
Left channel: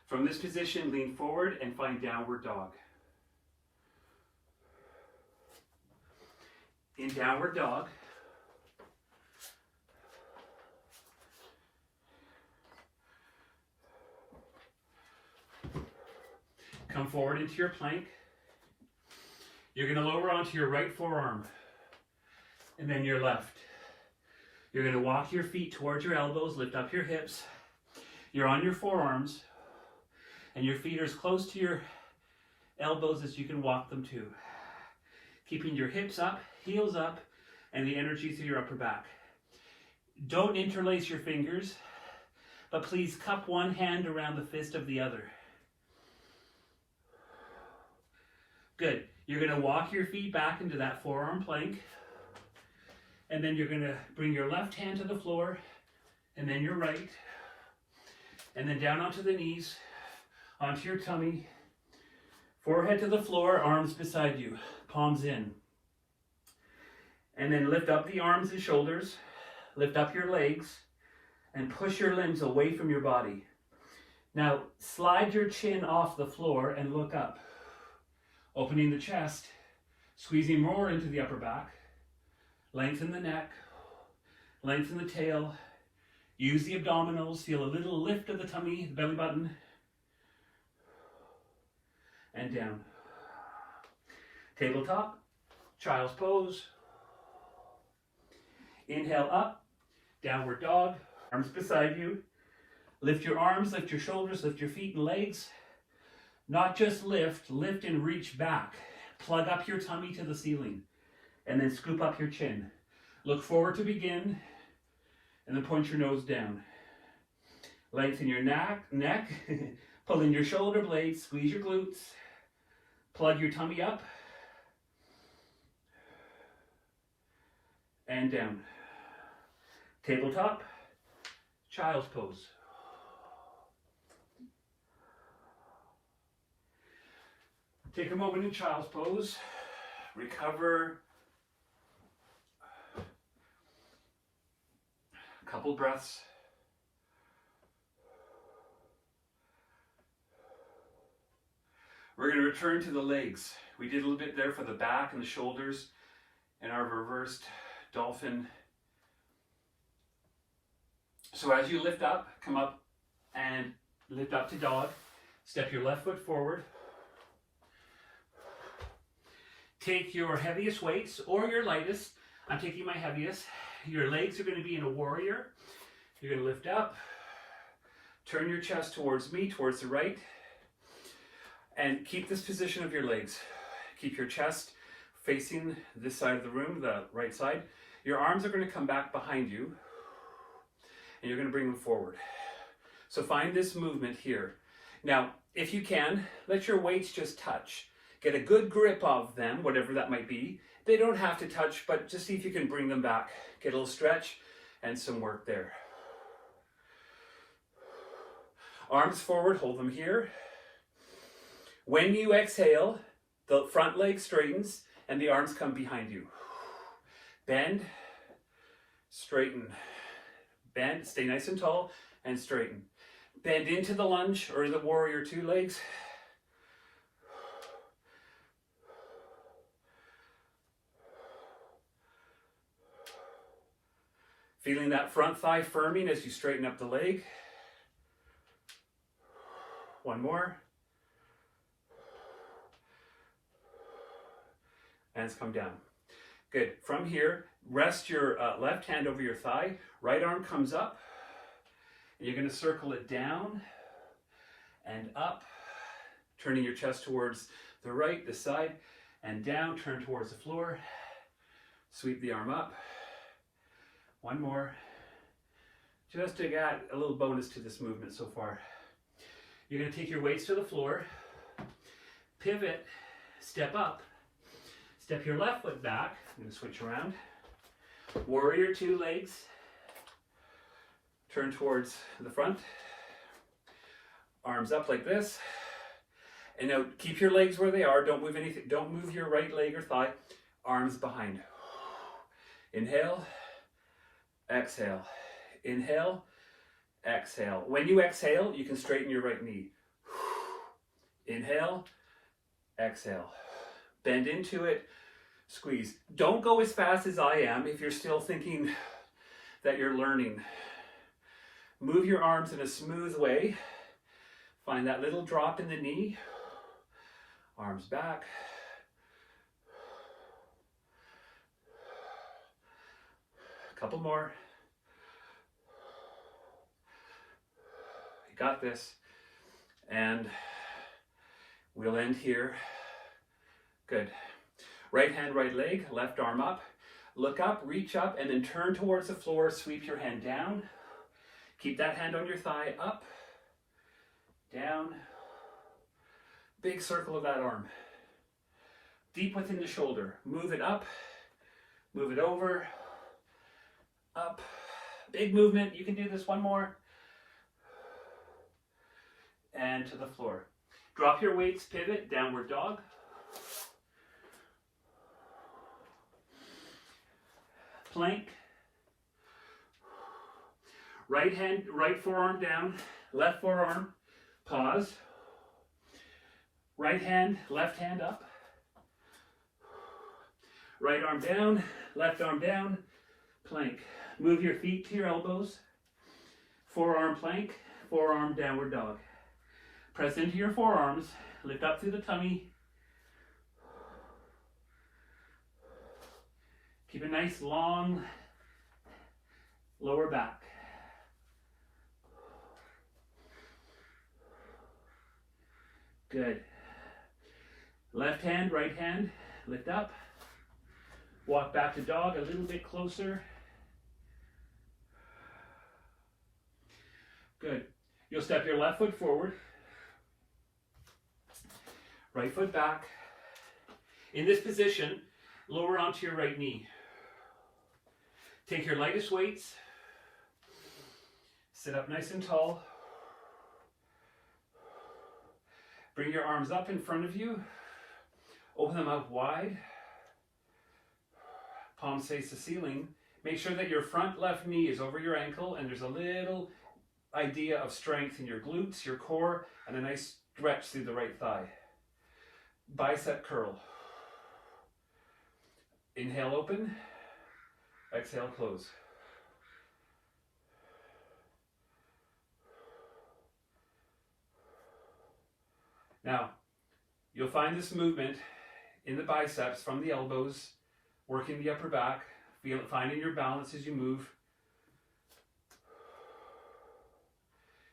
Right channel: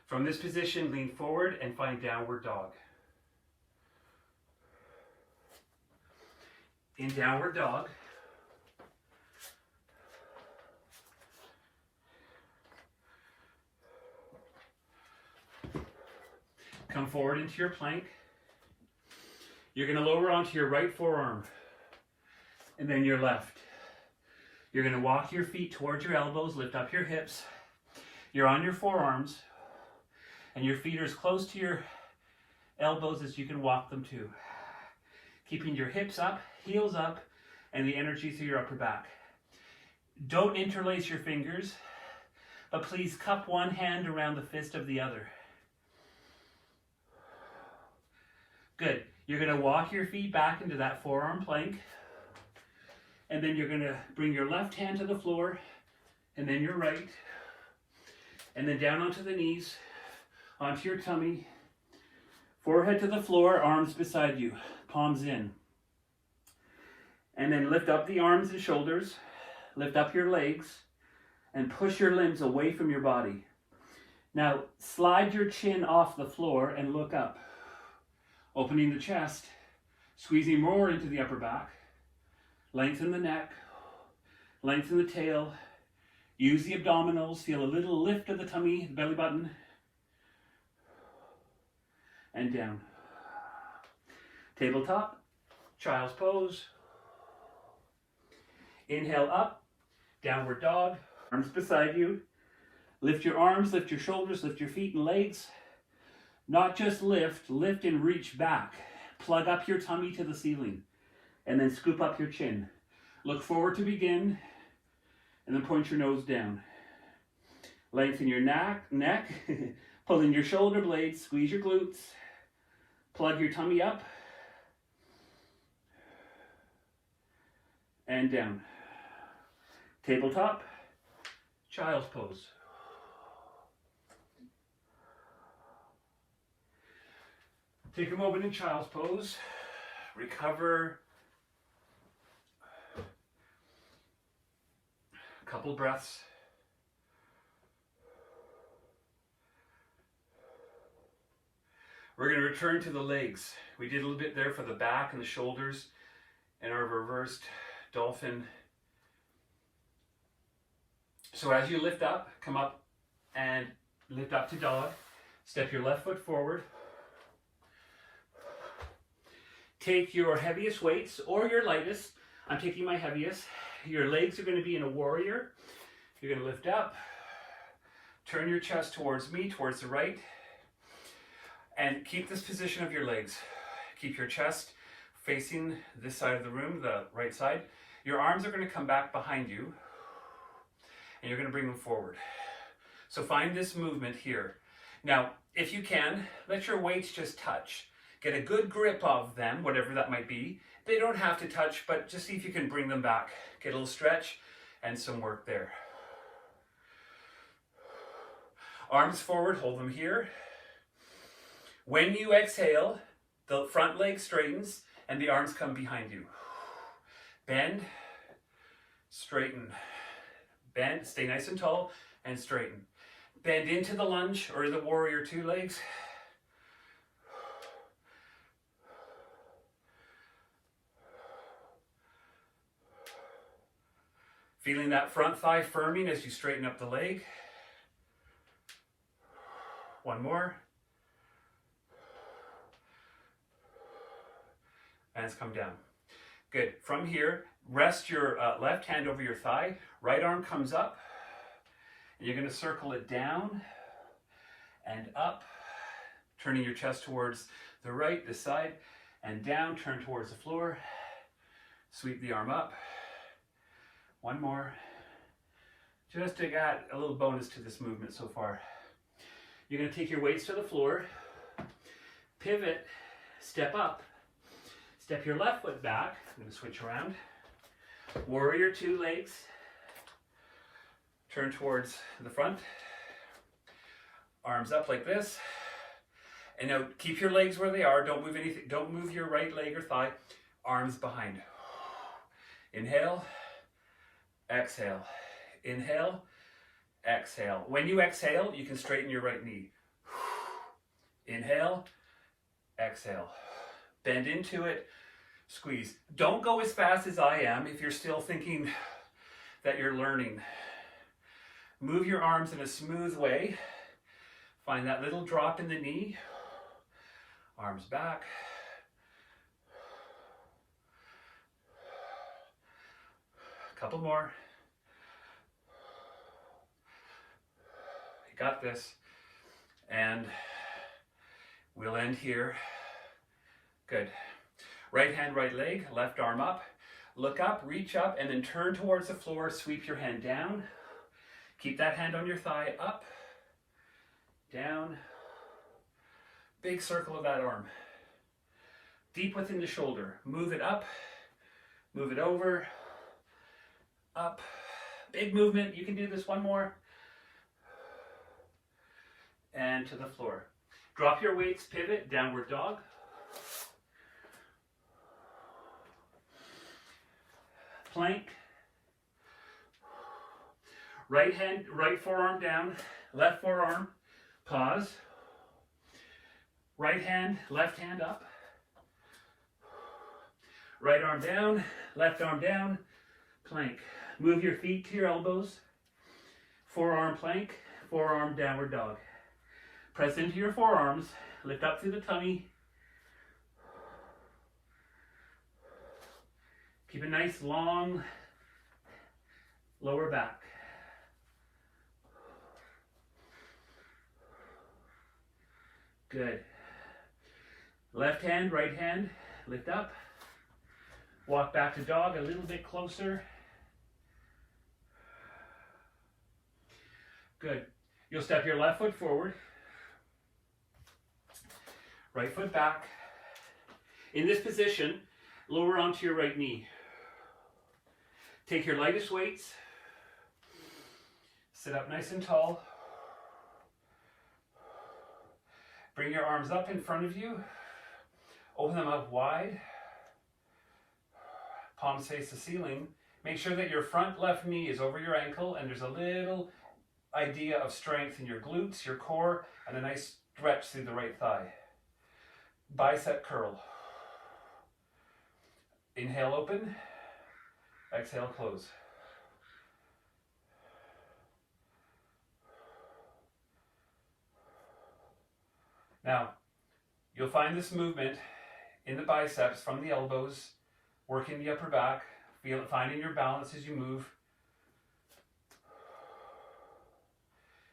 From this position, lean forward and find downward dog. In downward dog, come forward into your plank. You're going to lower onto your right forearm and then your left. You're going to walk your feet towards your elbows, lift up your hips. You're on your forearms and your feet are as close to your elbows as you can walk them to. Keeping your hips up, heels up, and the energy through your upper back. Don't interlace your fingers, but please cup one hand around the fist of the other. Good. You're going to walk your feet back into that forearm plank, and then you're going to bring your left hand to the floor, and then your right, and then down onto the knees, onto your tummy, forehead to the floor, arms beside you, palms in. And then lift up the arms and shoulders, lift up your legs, and push your limbs away from your body. Now, slide your chin off the floor and look up, opening the chest, squeezing more into the upper back, lengthen the neck, lengthen the tail, use the abdominals, feel a little lift of the tummy, the belly button, and down. Tabletop, child's pose. Inhale up, downward dog, arms beside you. Lift your arms, lift your shoulders, lift your feet and legs. Not just lift, lift and reach back. Plug up your tummy to the ceiling and then scoop up your chin. Look forward to begin and then point your nose down. Lengthen your neck, pull in your shoulder blades, squeeze your glutes. Plug your tummy up and down. Tabletop, child's pose. Take a moment in child's pose. Recover. A couple breaths. We're going to return to the legs. We did a little bit there for the back and the shoulders in our reversed dolphin. So as you lift up, come up and lift up to dog. Step your left foot forward. Take your heaviest weights or your lightest. I'm taking my heaviest. Your legs are going to be in a warrior. You're going to lift up. Turn your chest towards me, towards the right. And keep this position of your legs. Keep your chest facing this side of the room, the right side. Your arms are going to come back behind you. And you're going to bring them forward. So find this movement here. Now, if you can, let your weights just touch. Get a good grip of them, whatever that might be. They don't have to touch, but just see if you can bring them back. Get a little stretch and some work there. Arms forward, hold them here. When you exhale, the front leg straightens and the arms come behind you. Bend, straighten. Bend, stay nice and tall, and straighten. Bend into the lunge or the warrior two legs. Feeling that front thigh firming as you straighten up the leg. One more. Hands come down. Good. From here, rest your left hand over your thigh. Right arm comes up. And you're going to circle it down and up. Turning your chest towards the right, this side, and down. Turn towards the floor. Sweep the arm up. One more. Just to add a little bonus to this movement so far. You're going to take your weights to the floor. Pivot. Step up. Step your left foot back. I'm going to switch around. Warrior two legs. Turn towards the front. Arms up like this. And now keep your legs where they are. Don't move anything. Don't move your right leg or thigh. Arms behind. Inhale. Exhale. Inhale. Exhale. When you exhale, you can straighten your right knee. Inhale. Exhale. Bend into it. Squeeze. Don't go as fast as I am if you're still thinking that you're learning. Move your arms in a smooth way. Find that little drop in the knee. Arms back. A couple more. You got this. And we'll end here. Good. Right hand, right leg, left arm up. Look up, reach up, and then turn towards the floor. Sweep your hand down. Keep that hand on your thigh, up, down. Big circle of that arm. Deep within the shoulder. Move it up, move it over, up. Big movement. You can do this one more. And to the floor. Drop your weights, pivot, downward dog. Plank. Right hand, right forearm down, left forearm, pause. Right hand, left hand up. Right arm down, left arm down, plank. Move your feet to your elbows. Forearm plank, forearm downward dog. Press into your forearms, lift up through the tummy. Keep a nice long lower back. Good. Left hand, right hand, lift up. Walk back to dog a little bit closer. Good. You'll step your left foot forward. Right foot back. In this position, lower onto your right knee. Take your lightest weights. Sit up nice and tall. Bring your arms up in front of you. Open them out wide. Palms face the ceiling. Make sure that your front left knee is over your ankle and there's a little idea of strength in your glutes, your core, and a nice stretch through the right thigh. Bicep curl. Inhale, open. Exhale, close. Now, you'll find this movement in the biceps from the elbows, working the upper back, finding your balance as you move.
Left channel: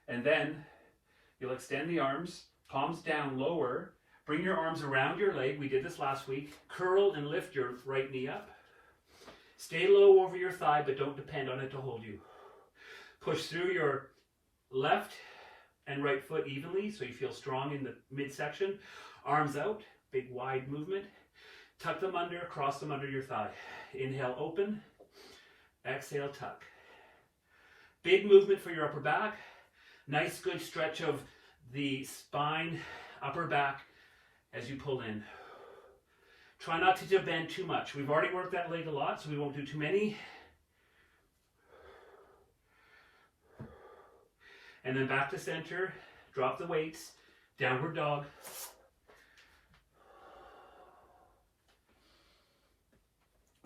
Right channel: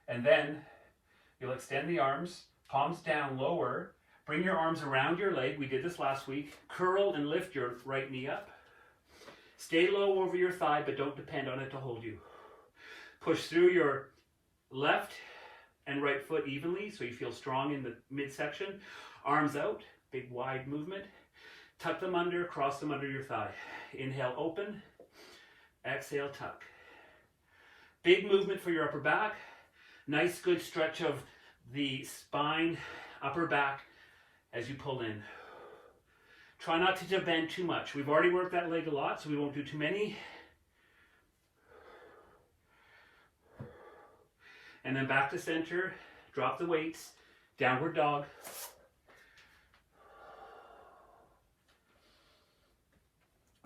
And then you'll extend the arms, palms down, lower. Bring your arms around your leg. We did this last week. Curl and lift your right knee up. Stay low over your thigh, but don't depend on it to hold you. Push through your left and right foot evenly so you feel strong in the midsection. Arms out, big wide movement. Tuck them under, cross them under your thigh. Inhale, open. Exhale, tuck. Big movement for your upper back. Nice good stretch of the spine, upper back as you pull in. Try not to bend too much. We've already worked that leg a lot, so we won't do too many. And then back to center. Drop the weights. Downward dog.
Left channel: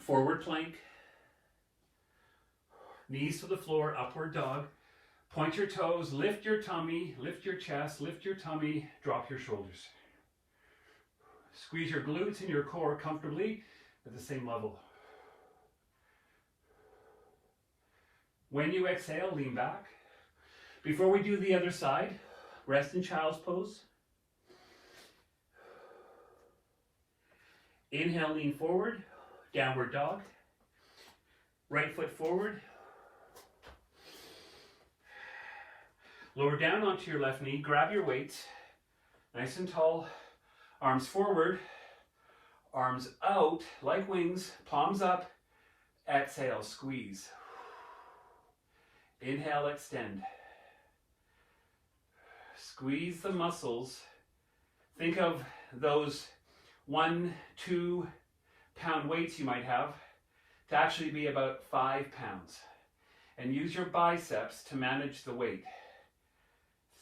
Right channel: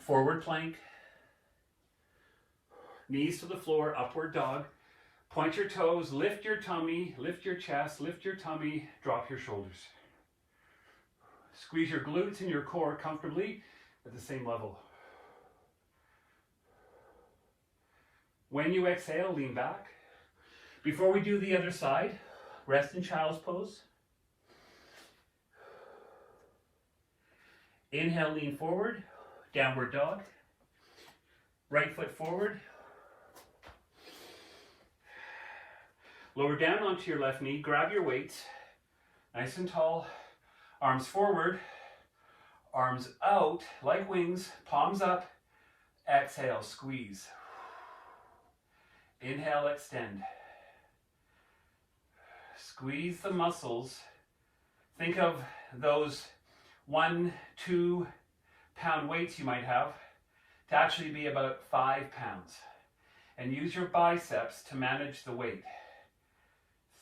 Forward plank. Knees to the floor, upward dog. Point your toes, lift your tummy, lift your chest, lift your tummy, drop your shoulders. Squeeze your glutes and your core comfortably at the same level. When you exhale, lean back. Before we do the other side, rest in child's pose. Inhale, lean forward, downward dog. Right foot forward. Lower down onto your left knee, grab your weights, nice and tall, arms forward, arms out like wings, palms up, exhale, squeeze. Inhale, extend. Squeeze the muscles. Think of those 1-2 pound weights you might have to actually be about 5 pounds. And use your biceps to manage the weight.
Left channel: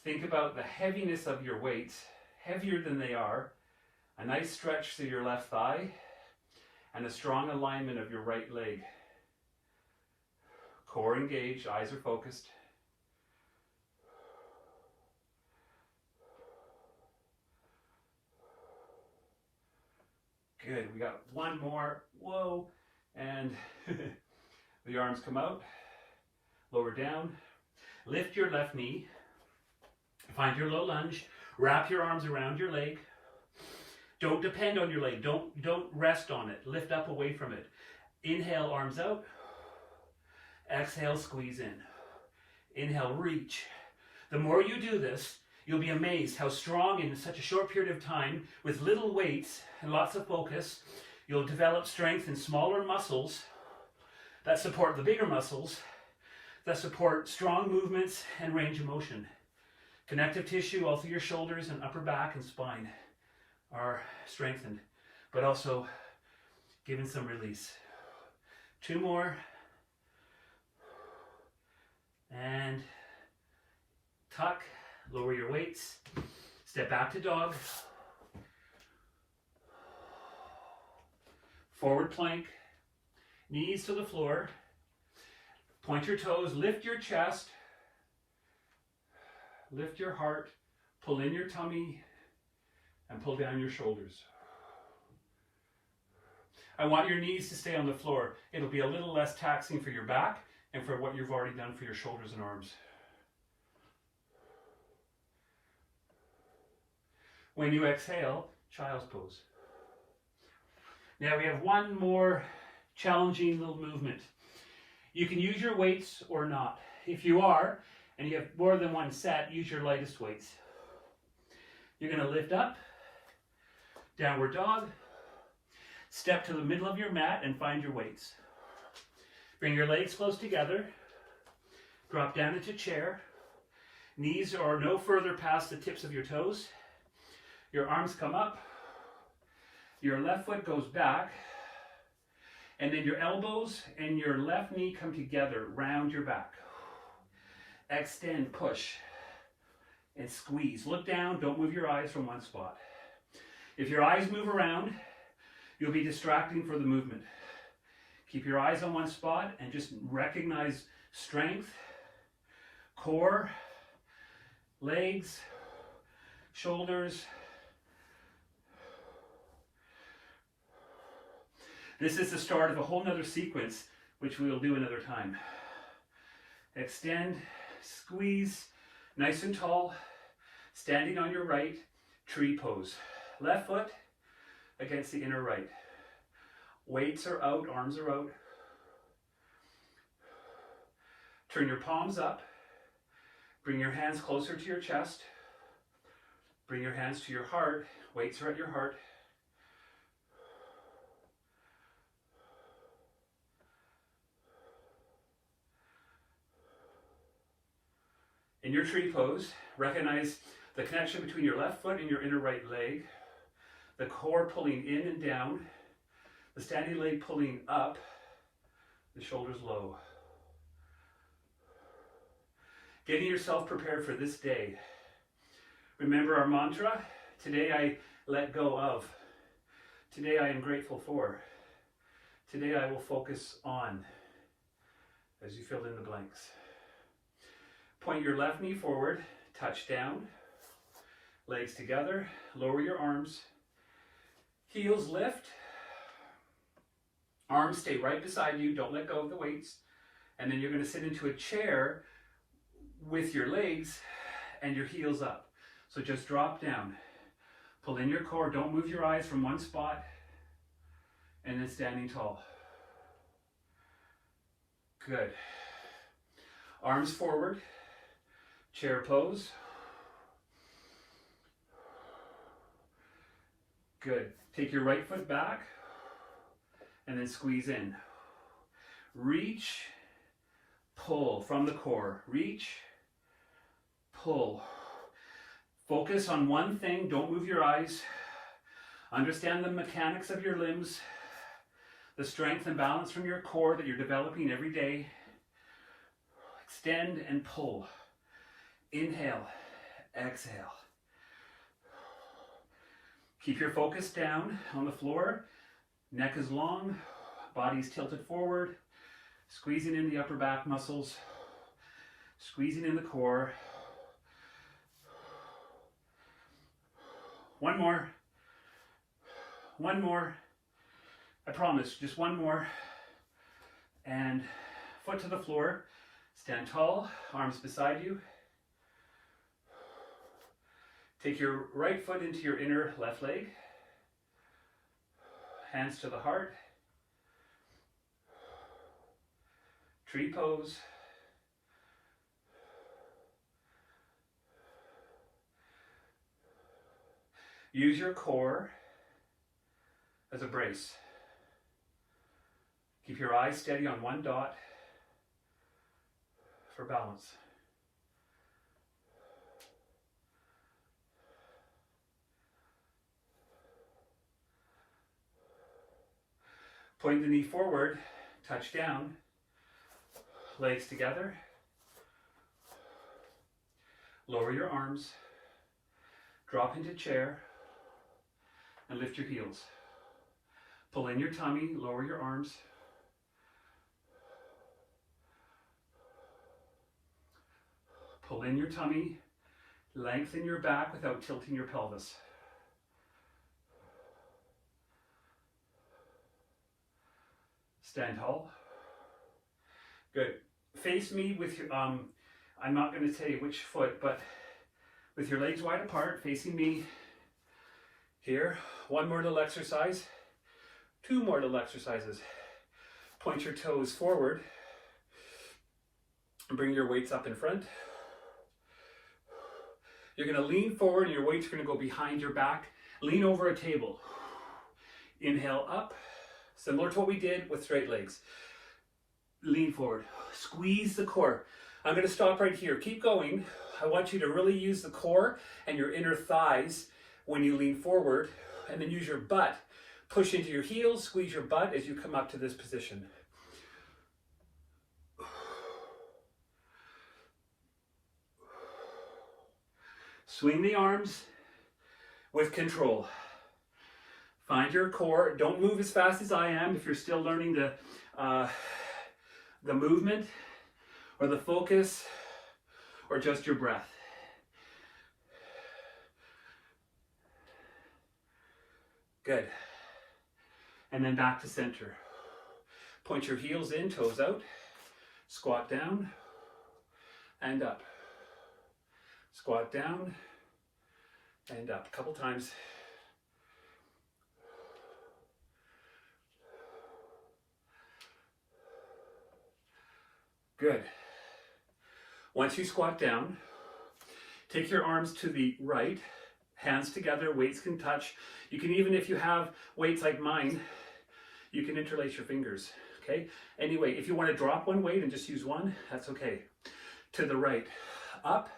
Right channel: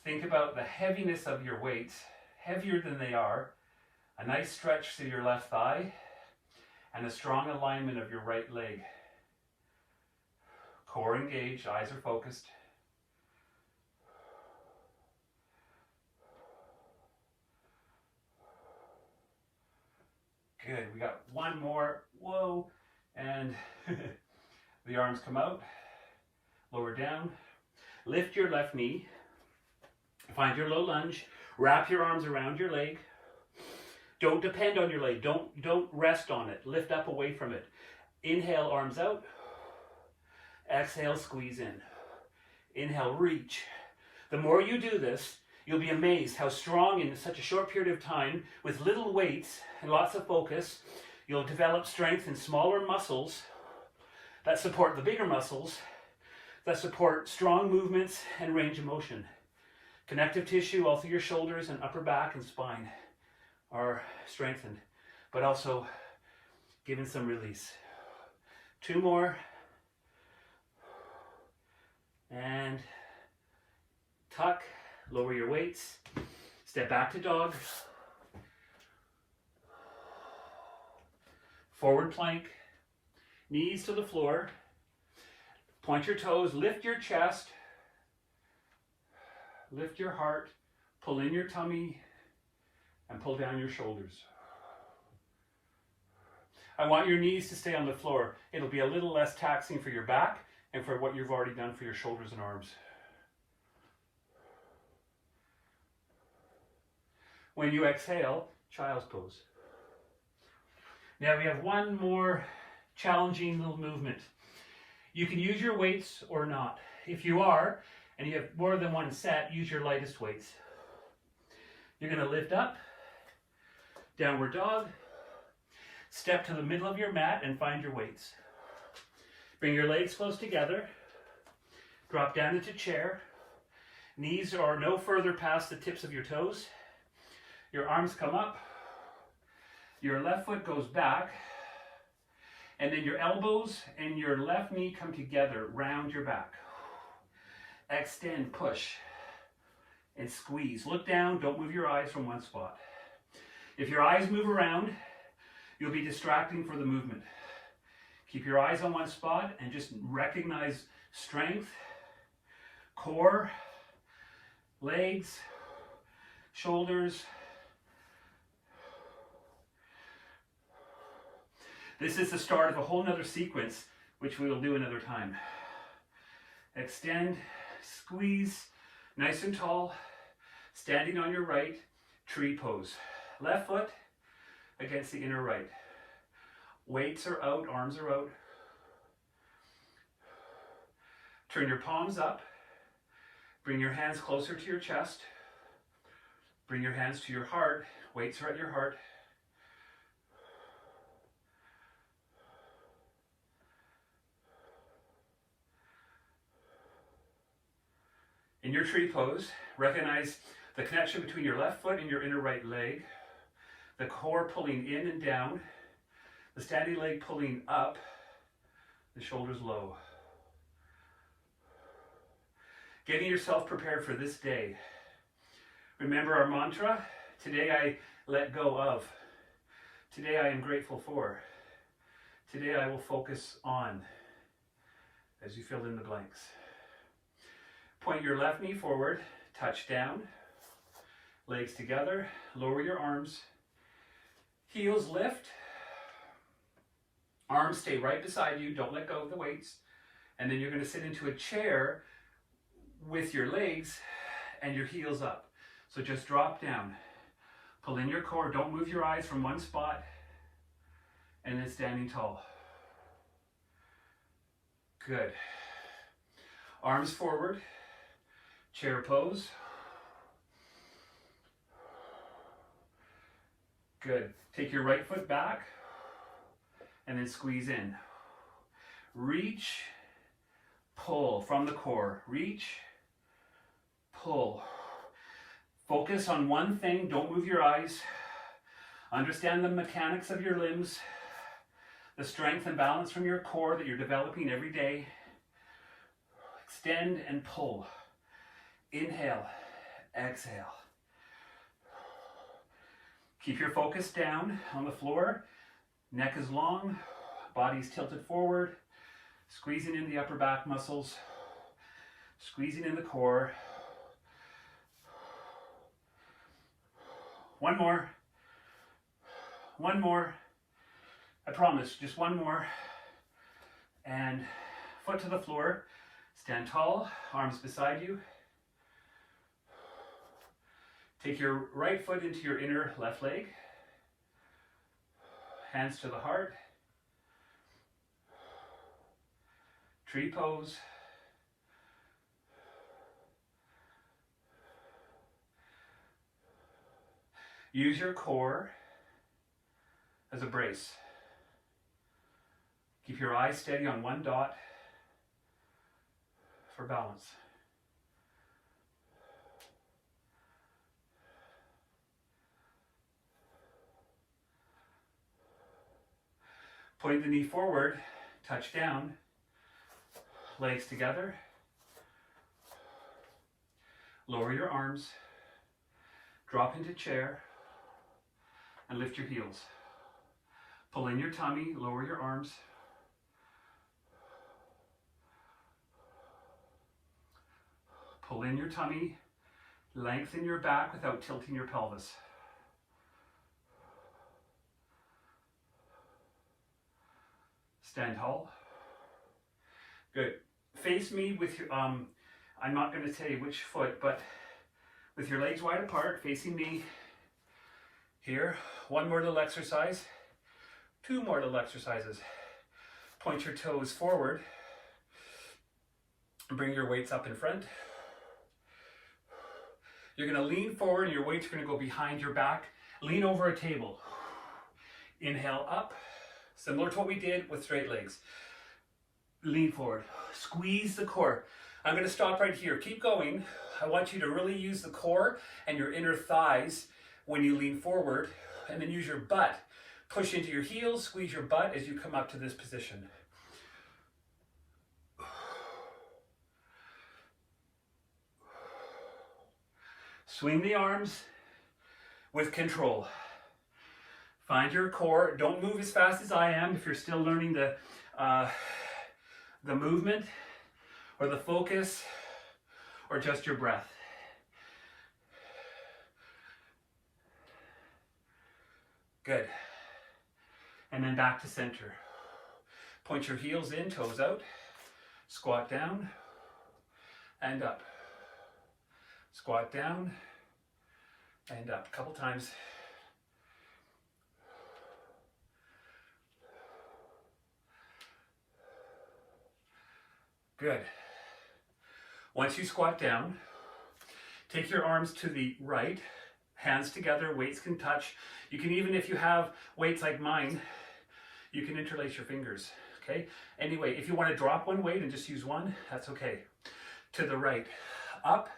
Think about the heaviness of your weights, heavier than they are, a nice stretch through your left thigh, and a strong alignment of your right leg. Core engaged, eyes are focused. Good, we got one more, whoa, and the arms come out, lower down, lift your left knee. Find your low lunge, wrap your arms around your leg. Don't depend on your leg, don't rest on it. Lift up away from it. Inhale, arms out. Exhale, squeeze in. Inhale, reach. The more you do this, you'll be amazed how strong in such a short period of time, with little weights and lots of focus, you'll develop strength in smaller muscles that support the bigger muscles, that support strong movements and range of motion. Connective tissue all through your shoulders and upper back and spine are strengthened, but also given some release. 2 more. And tuck, lower your weights, step back to dog. Forward plank, knees to the floor. Point your toes, lift your chest. Lift your heart, pull in your tummy, and pull down your shoulders. I want your knees to stay on the floor. It'll be a little less taxing for your back and for what you've already done for your shoulders and arms. When you exhale, child's pose. Now we have one more challenging little movement. You can use your weights or not. If you are, and you have more than one set, use your lightest weights. You're going to lift up, downward dog, step to the middle of your mat and find your weights. Bring your legs close together, drop down into chair, knees are no further past the tips of your toes, your arms come up, Your left foot goes back, and then your elbows and your left knee come together, round your back. Extend, push, and squeeze. Look down, don't move your eyes from one spot. If your eyes move around, you'll be distracting for the movement. Keep your eyes on one spot and just recognize strength, core, legs, shoulders. This is the start of a whole nother sequence, which we will do another time. Extend, squeeze, nice and tall, standing on your right, tree pose. Left foot against the inner right. Weights are out, arms are out. Turn your palms up. Bring your hands closer to your chest. Bring your hands to your heart. Weights are at your heart. In your tree pose, recognize the connection between your left foot and your inner right leg, the core pulling in and down, the standing leg pulling up, the shoulders low. Getting yourself prepared for this day. Remember our mantra, today I let go of, today I am grateful for, today I will focus on, as you fill in the blanks. Point your left knee forward, touch down, legs together, lower your arms, heels lift, arms stay right beside you, don't let go of the weights, and then you're going to sit into a chair with your legs and your heels up. So just drop down, pull in your core, don't move your eyes from one spot, and then standing tall. Good. Arms forward. Chair pose. Good. Take your right foot back and then squeeze in. Reach, pull from the core. Reach, pull. Focus on one thing. Don't move your eyes. Understand the mechanics of your limbs, the strength and balance from your core that you're developing every day. Extend and pull. Inhale, exhale. Keep your focus down on the floor. Neck is long, body's tilted forward, squeezing in the upper back muscles, squeezing in the core. One more. One more. I promise, just one more. And foot to the floor. Stand tall, arms beside you. Take your right foot into your inner left leg. Hands to the heart. Tree pose. Use your core as a brace. Keep your eyes steady on one dot for balance. Point the knee forward, touch down, legs together. Lower your arms, drop into chair, and lift your heels. Pull in your tummy, lower your arms. Pull in your tummy, lengthen your back without tilting your pelvis. Stand tall. Good. Face me with your, I'm not going to tell you which foot, but with your legs wide apart, facing me here. One more little exercise. Two more little exercises. Point your toes forward. Bring your weights up in front. You're going to lean forward and your weights are going to go behind your back. Lean over a table. Inhale up. Similar to what we did with straight legs. Lean forward. Squeeze the core. I'm going to stop right here. Keep going. I want you to really use the core and your inner thighs when you lean forward, and then use your butt Push into your heels, squeeze your butt as you come up to this position. Swing the arms with control. Find your core. Don't move as fast as I am if you're still learning the movement or the focus or just your breath. Good. And then back to center. Point your heels in, toes out. Squat down and up. Squat down and up. A couple times. Good. Once you squat down, take your arms to the right, hands together, weights can touch. You can even, if you have weights like mine, you can interlace your fingers, okay? Anyway, if you want to drop one weight and just use one, that's okay. To the right, up,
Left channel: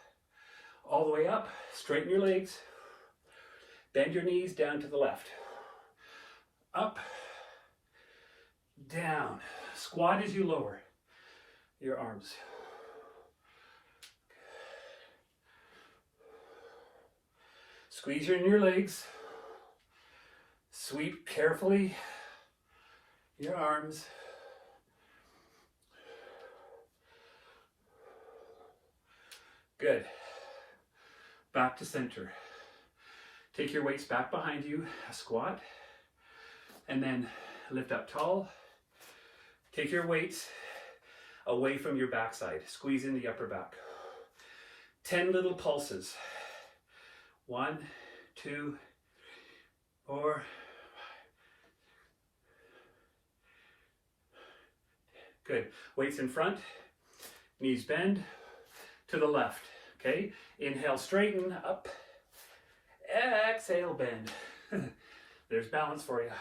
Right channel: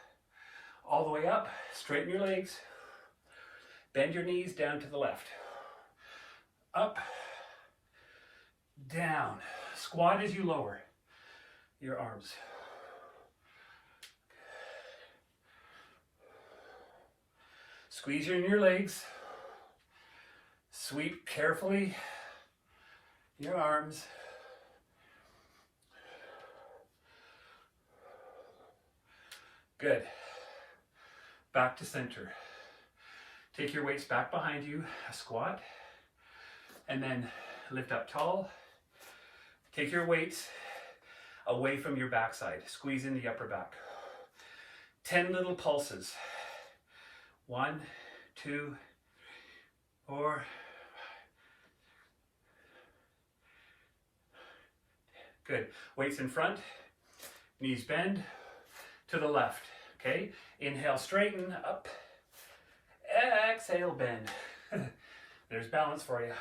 all the way up, straighten your legs, bend your knees down to the left. Up, down, squat as you lower your arms. Squeeze in your legs. Sweep carefully your arms. Good. Back to center. Take your weights back behind you, a squat, and then lift up tall. Take your weights away from your backside. Squeeze in the upper back. 10 little pulses. 1, 2, 4. Good. Weights in front. Knees bend to the left. Okay. Inhale, straighten up. Exhale, bend. There's balance for you.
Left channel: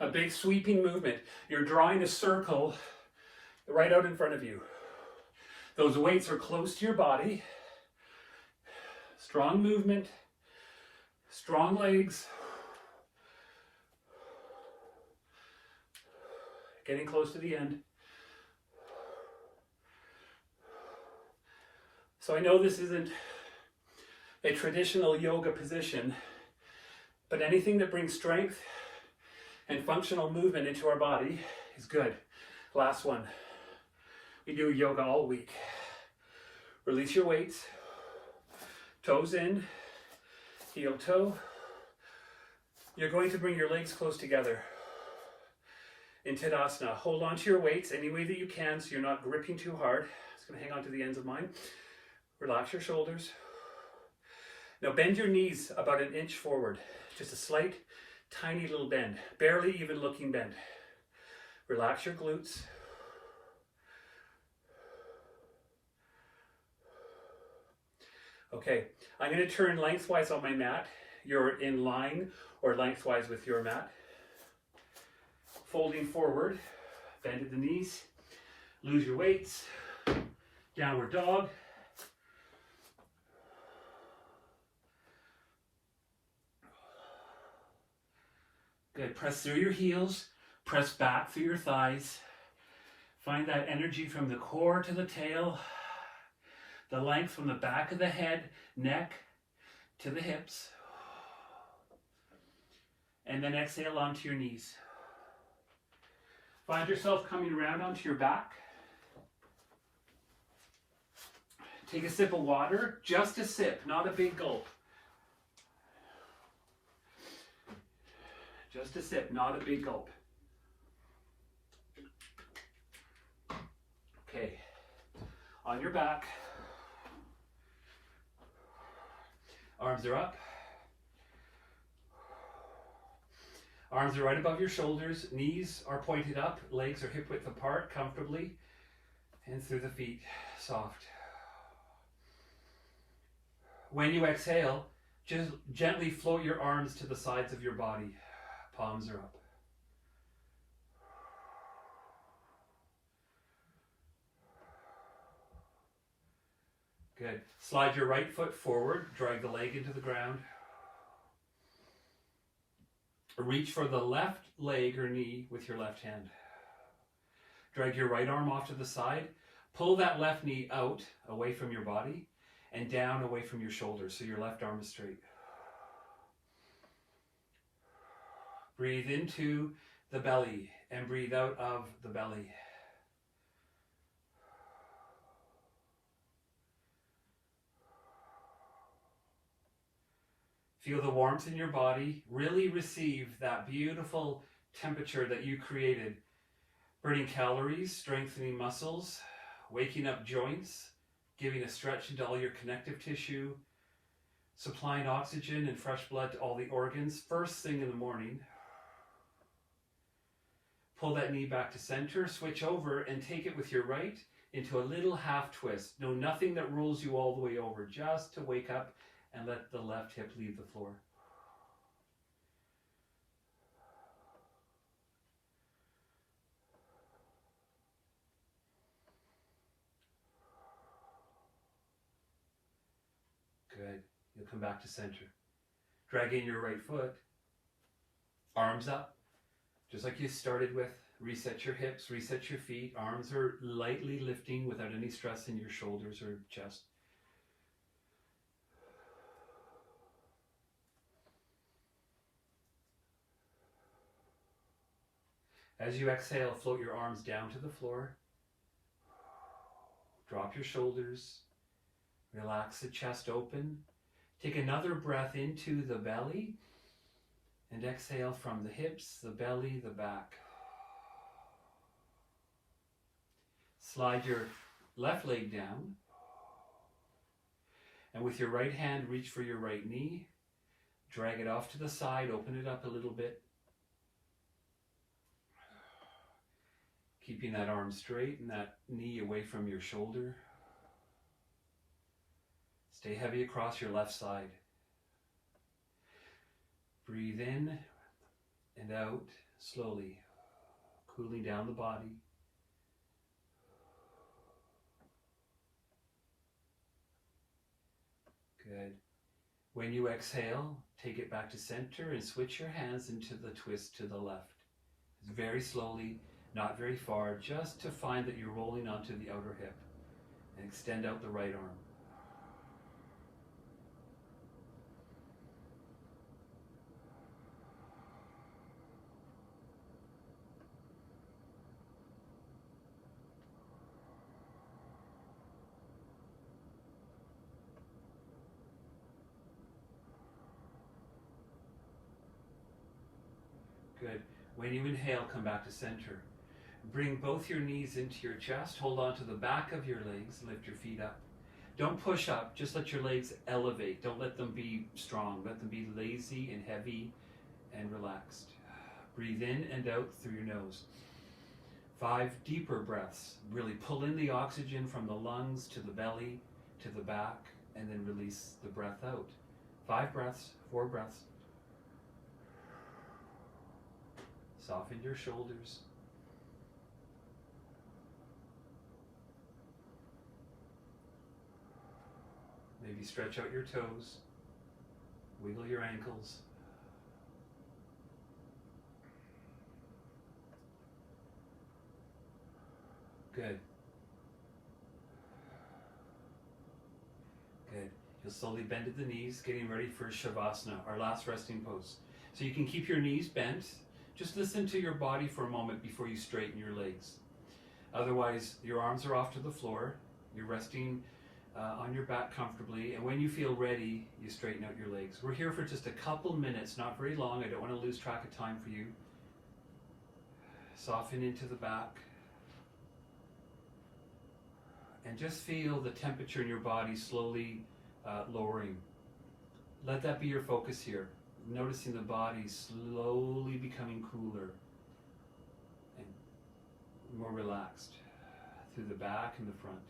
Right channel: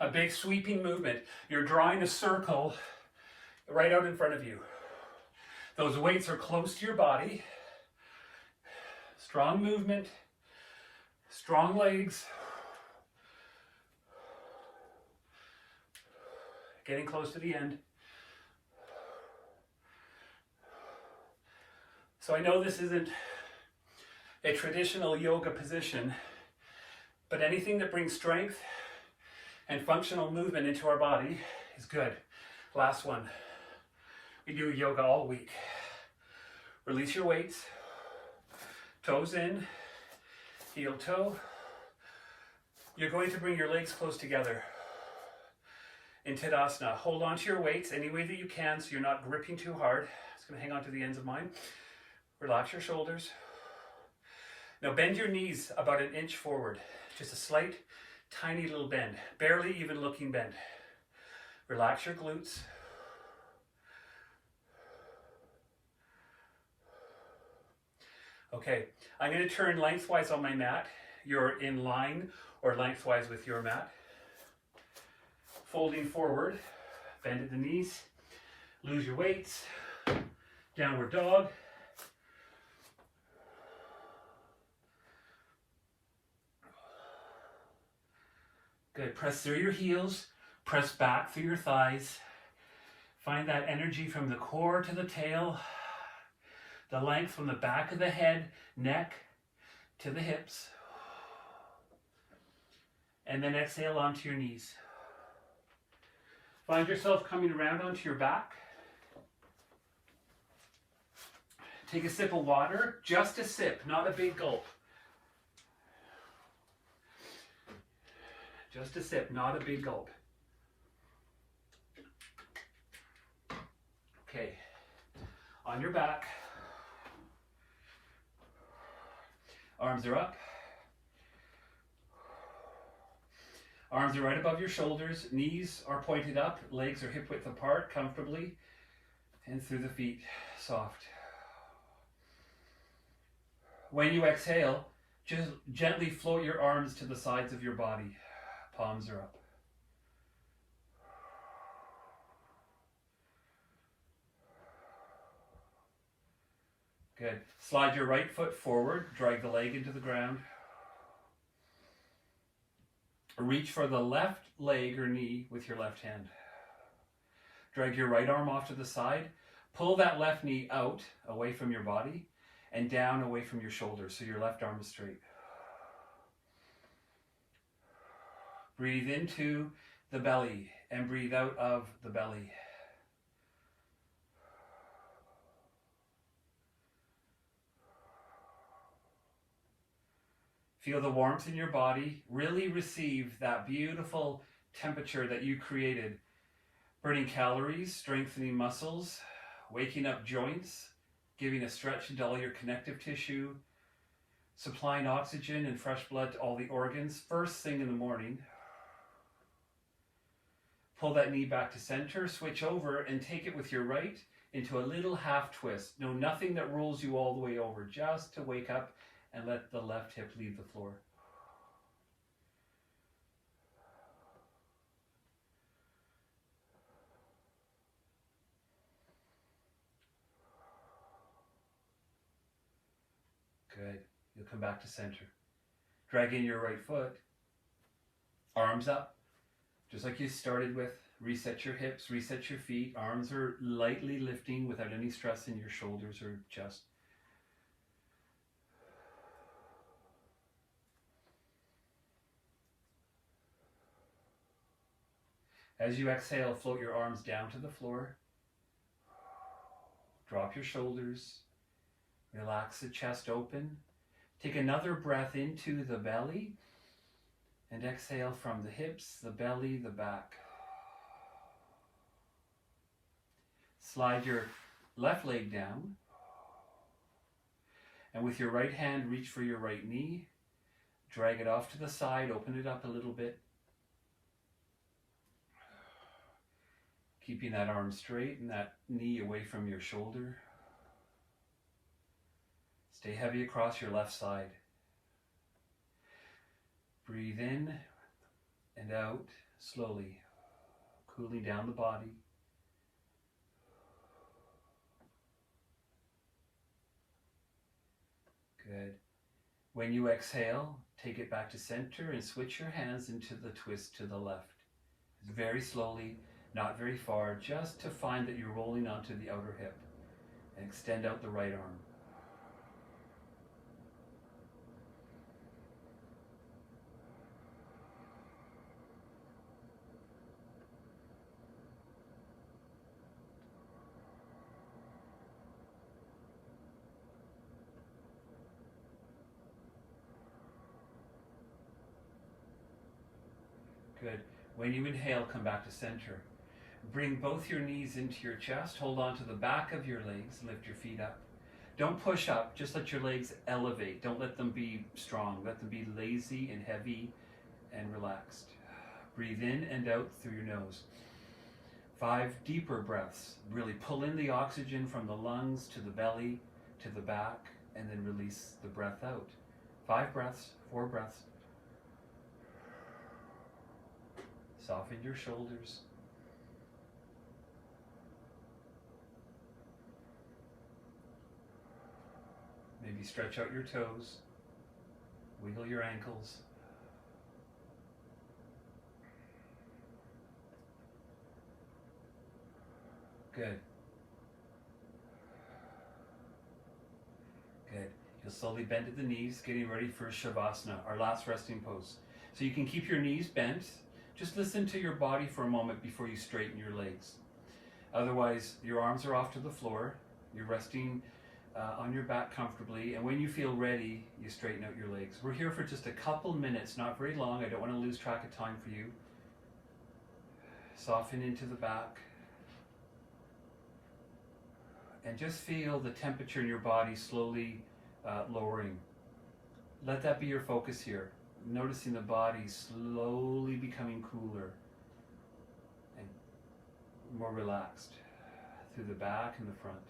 A big sweeping movement. You're drawing a circle right out in front of you. Those weights are close to your body. Strong movement, strong legs. Getting close to the end. So I know this isn't a traditional yoga position, but anything that brings strength and functional movement into our body is good. Last one. We do yoga all week. Release your weights. Toes in, heel toe. You're going to bring your legs close together in Tadasana. Hold on to your weights any way that you can so you're not gripping too hard. It's going to hang on to the ends of mine. Relax your shoulders. Now bend your knees about 1 inch forward. Just a slight, tiny little bend. Barely even looking bend. Relax your glutes. Okay, I'm going to turn lengthwise on my mat. You're in line or lengthwise with your mat. Folding forward, bend at the knees, lose your weights, downward dog. Good, press through your heels, press back through your thighs. Find that energy from the core to the tail. The length from the back of the head, neck, to the hips. And then exhale onto your knees. Find yourself coming around onto your back. Take a sip of water, just a sip, not a big gulp. Just a sip, not a big gulp. Okay, on your back. Arms are up. Arms are right above your shoulders. Knees are pointed up. Legs are hip width apart comfortably. Hands through the feet, soft. When you exhale, just gently float your arms to the sides of your body. Palms are up. Good. Slide your right foot forward. Drag the leg into the ground. Reach for the left leg or knee with your left hand. Drag your right arm off to the side. Pull that left knee out, away from your body, and down away from your shoulders, so your left arm is straight. Breathe into the belly and breathe out of the belly. Feel the warmth in your body. Really receive that beautiful temperature that you created. Burning calories, strengthening muscles, waking up joints, giving a stretch into all your connective tissue, supplying oxygen and fresh blood to all the organs first thing in the morning. Pull that knee back to center, switch over and take it with your right into a little half twist. No, nothing that rolls you all the way over, just to wake up and let the left hip leave the floor. Good. You'll come back to center. Drag in your right foot. Arms up. Just like you started with. Reset your hips, reset your feet. Arms are lightly lifting without any stress in your shoulders or chest. As you exhale, float your arms down to the floor. Drop your shoulders. Relax the chest open. Take another breath into the belly. And exhale from the hips, the belly, the back. Slide your left leg down. And with your right hand, reach for your right knee. Drag it off to the side, open it up a little bit. Keeping that arm straight and that knee away from your shoulder. Stay heavy across your left side. Breathe in and out slowly, cooling down the body. Good. When you exhale, take it back to center and switch your hands into the twist to the left. Very slowly, not very far, just to find that you're rolling onto the outer hip. And extend out the right arm. Good. When you inhale, come back to center. Bring both your knees into your chest. Hold on to the back of your legs. Lift your feet up. Don't push up. Just let your legs elevate. Don't let them be strong. Let them be lazy and heavy and relaxed. Breathe in and out through your nose. 5 deeper breaths. Really pull in the oxygen from the lungs to the belly, to the back, and then release the breath out. 5 breaths, 4 breaths. Soften your shoulders. Maybe stretch out your toes. Wiggle your ankles. Good. Good. You'll slowly bend at the knees, getting ready for shavasana, our last resting pose. So you can keep your knees bent. Just listen to your body for a moment before you straighten your legs. Otherwise, your arms are off to the floor. You're resting on your back comfortably. And when you feel ready, you straighten out your legs. We're here for just a couple minutes, not very long. I don't want to lose track of time for you. Soften into the back. And just feel the temperature in your body slowly lowering. Let that be your focus here. Noticing the body slowly becoming cooler and more relaxed through the back and the front.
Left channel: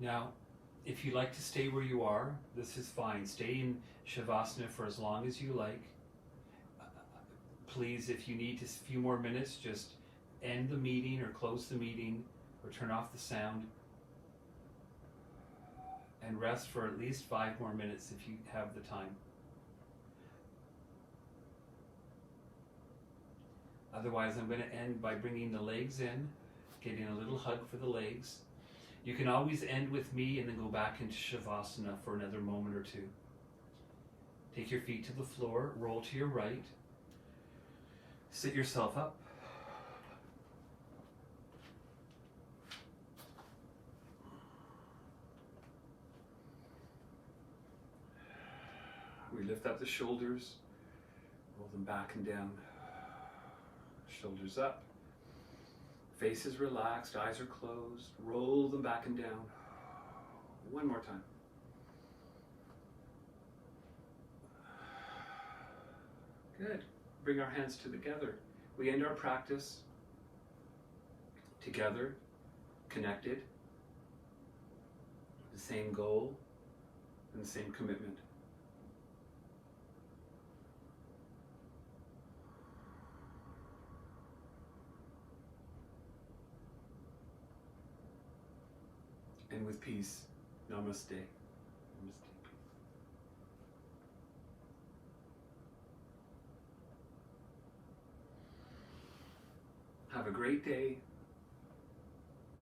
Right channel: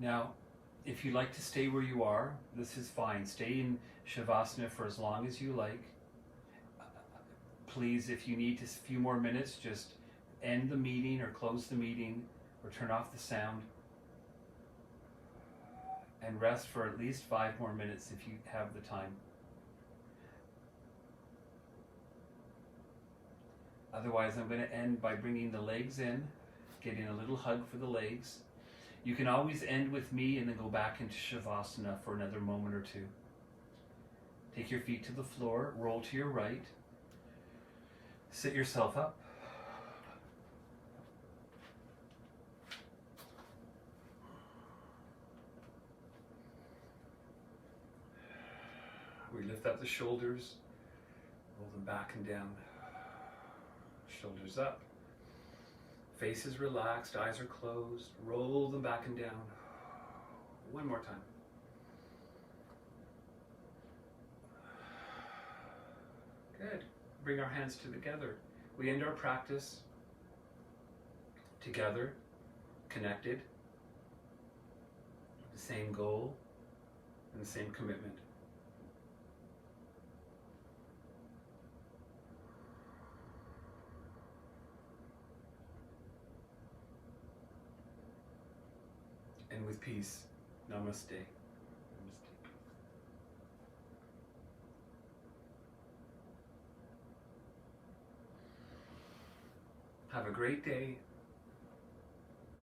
Now, if you like to stay where you are, this is fine. Stay in shavasana for as long as you like. Please, if you need a few more minutes, just end the meeting or close the meeting or turn off the sound and rest for at least 5 more minutes if you have the time. Otherwise, I'm going to end by bringing the legs in, getting a little hug for the legs. You can always end with me and then go back into shavasana for another moment or two. Take your feet to the floor, roll to your right, sit yourself up. We lift up the shoulders, roll them back and down. Shoulders up. Face is relaxed, eyes are closed. Roll them back and down. One more time. Good. Bring our hands together. We end our practice together, connected, with the same goal and the same commitment. And with peace, namaste. Namaste. Have a great day.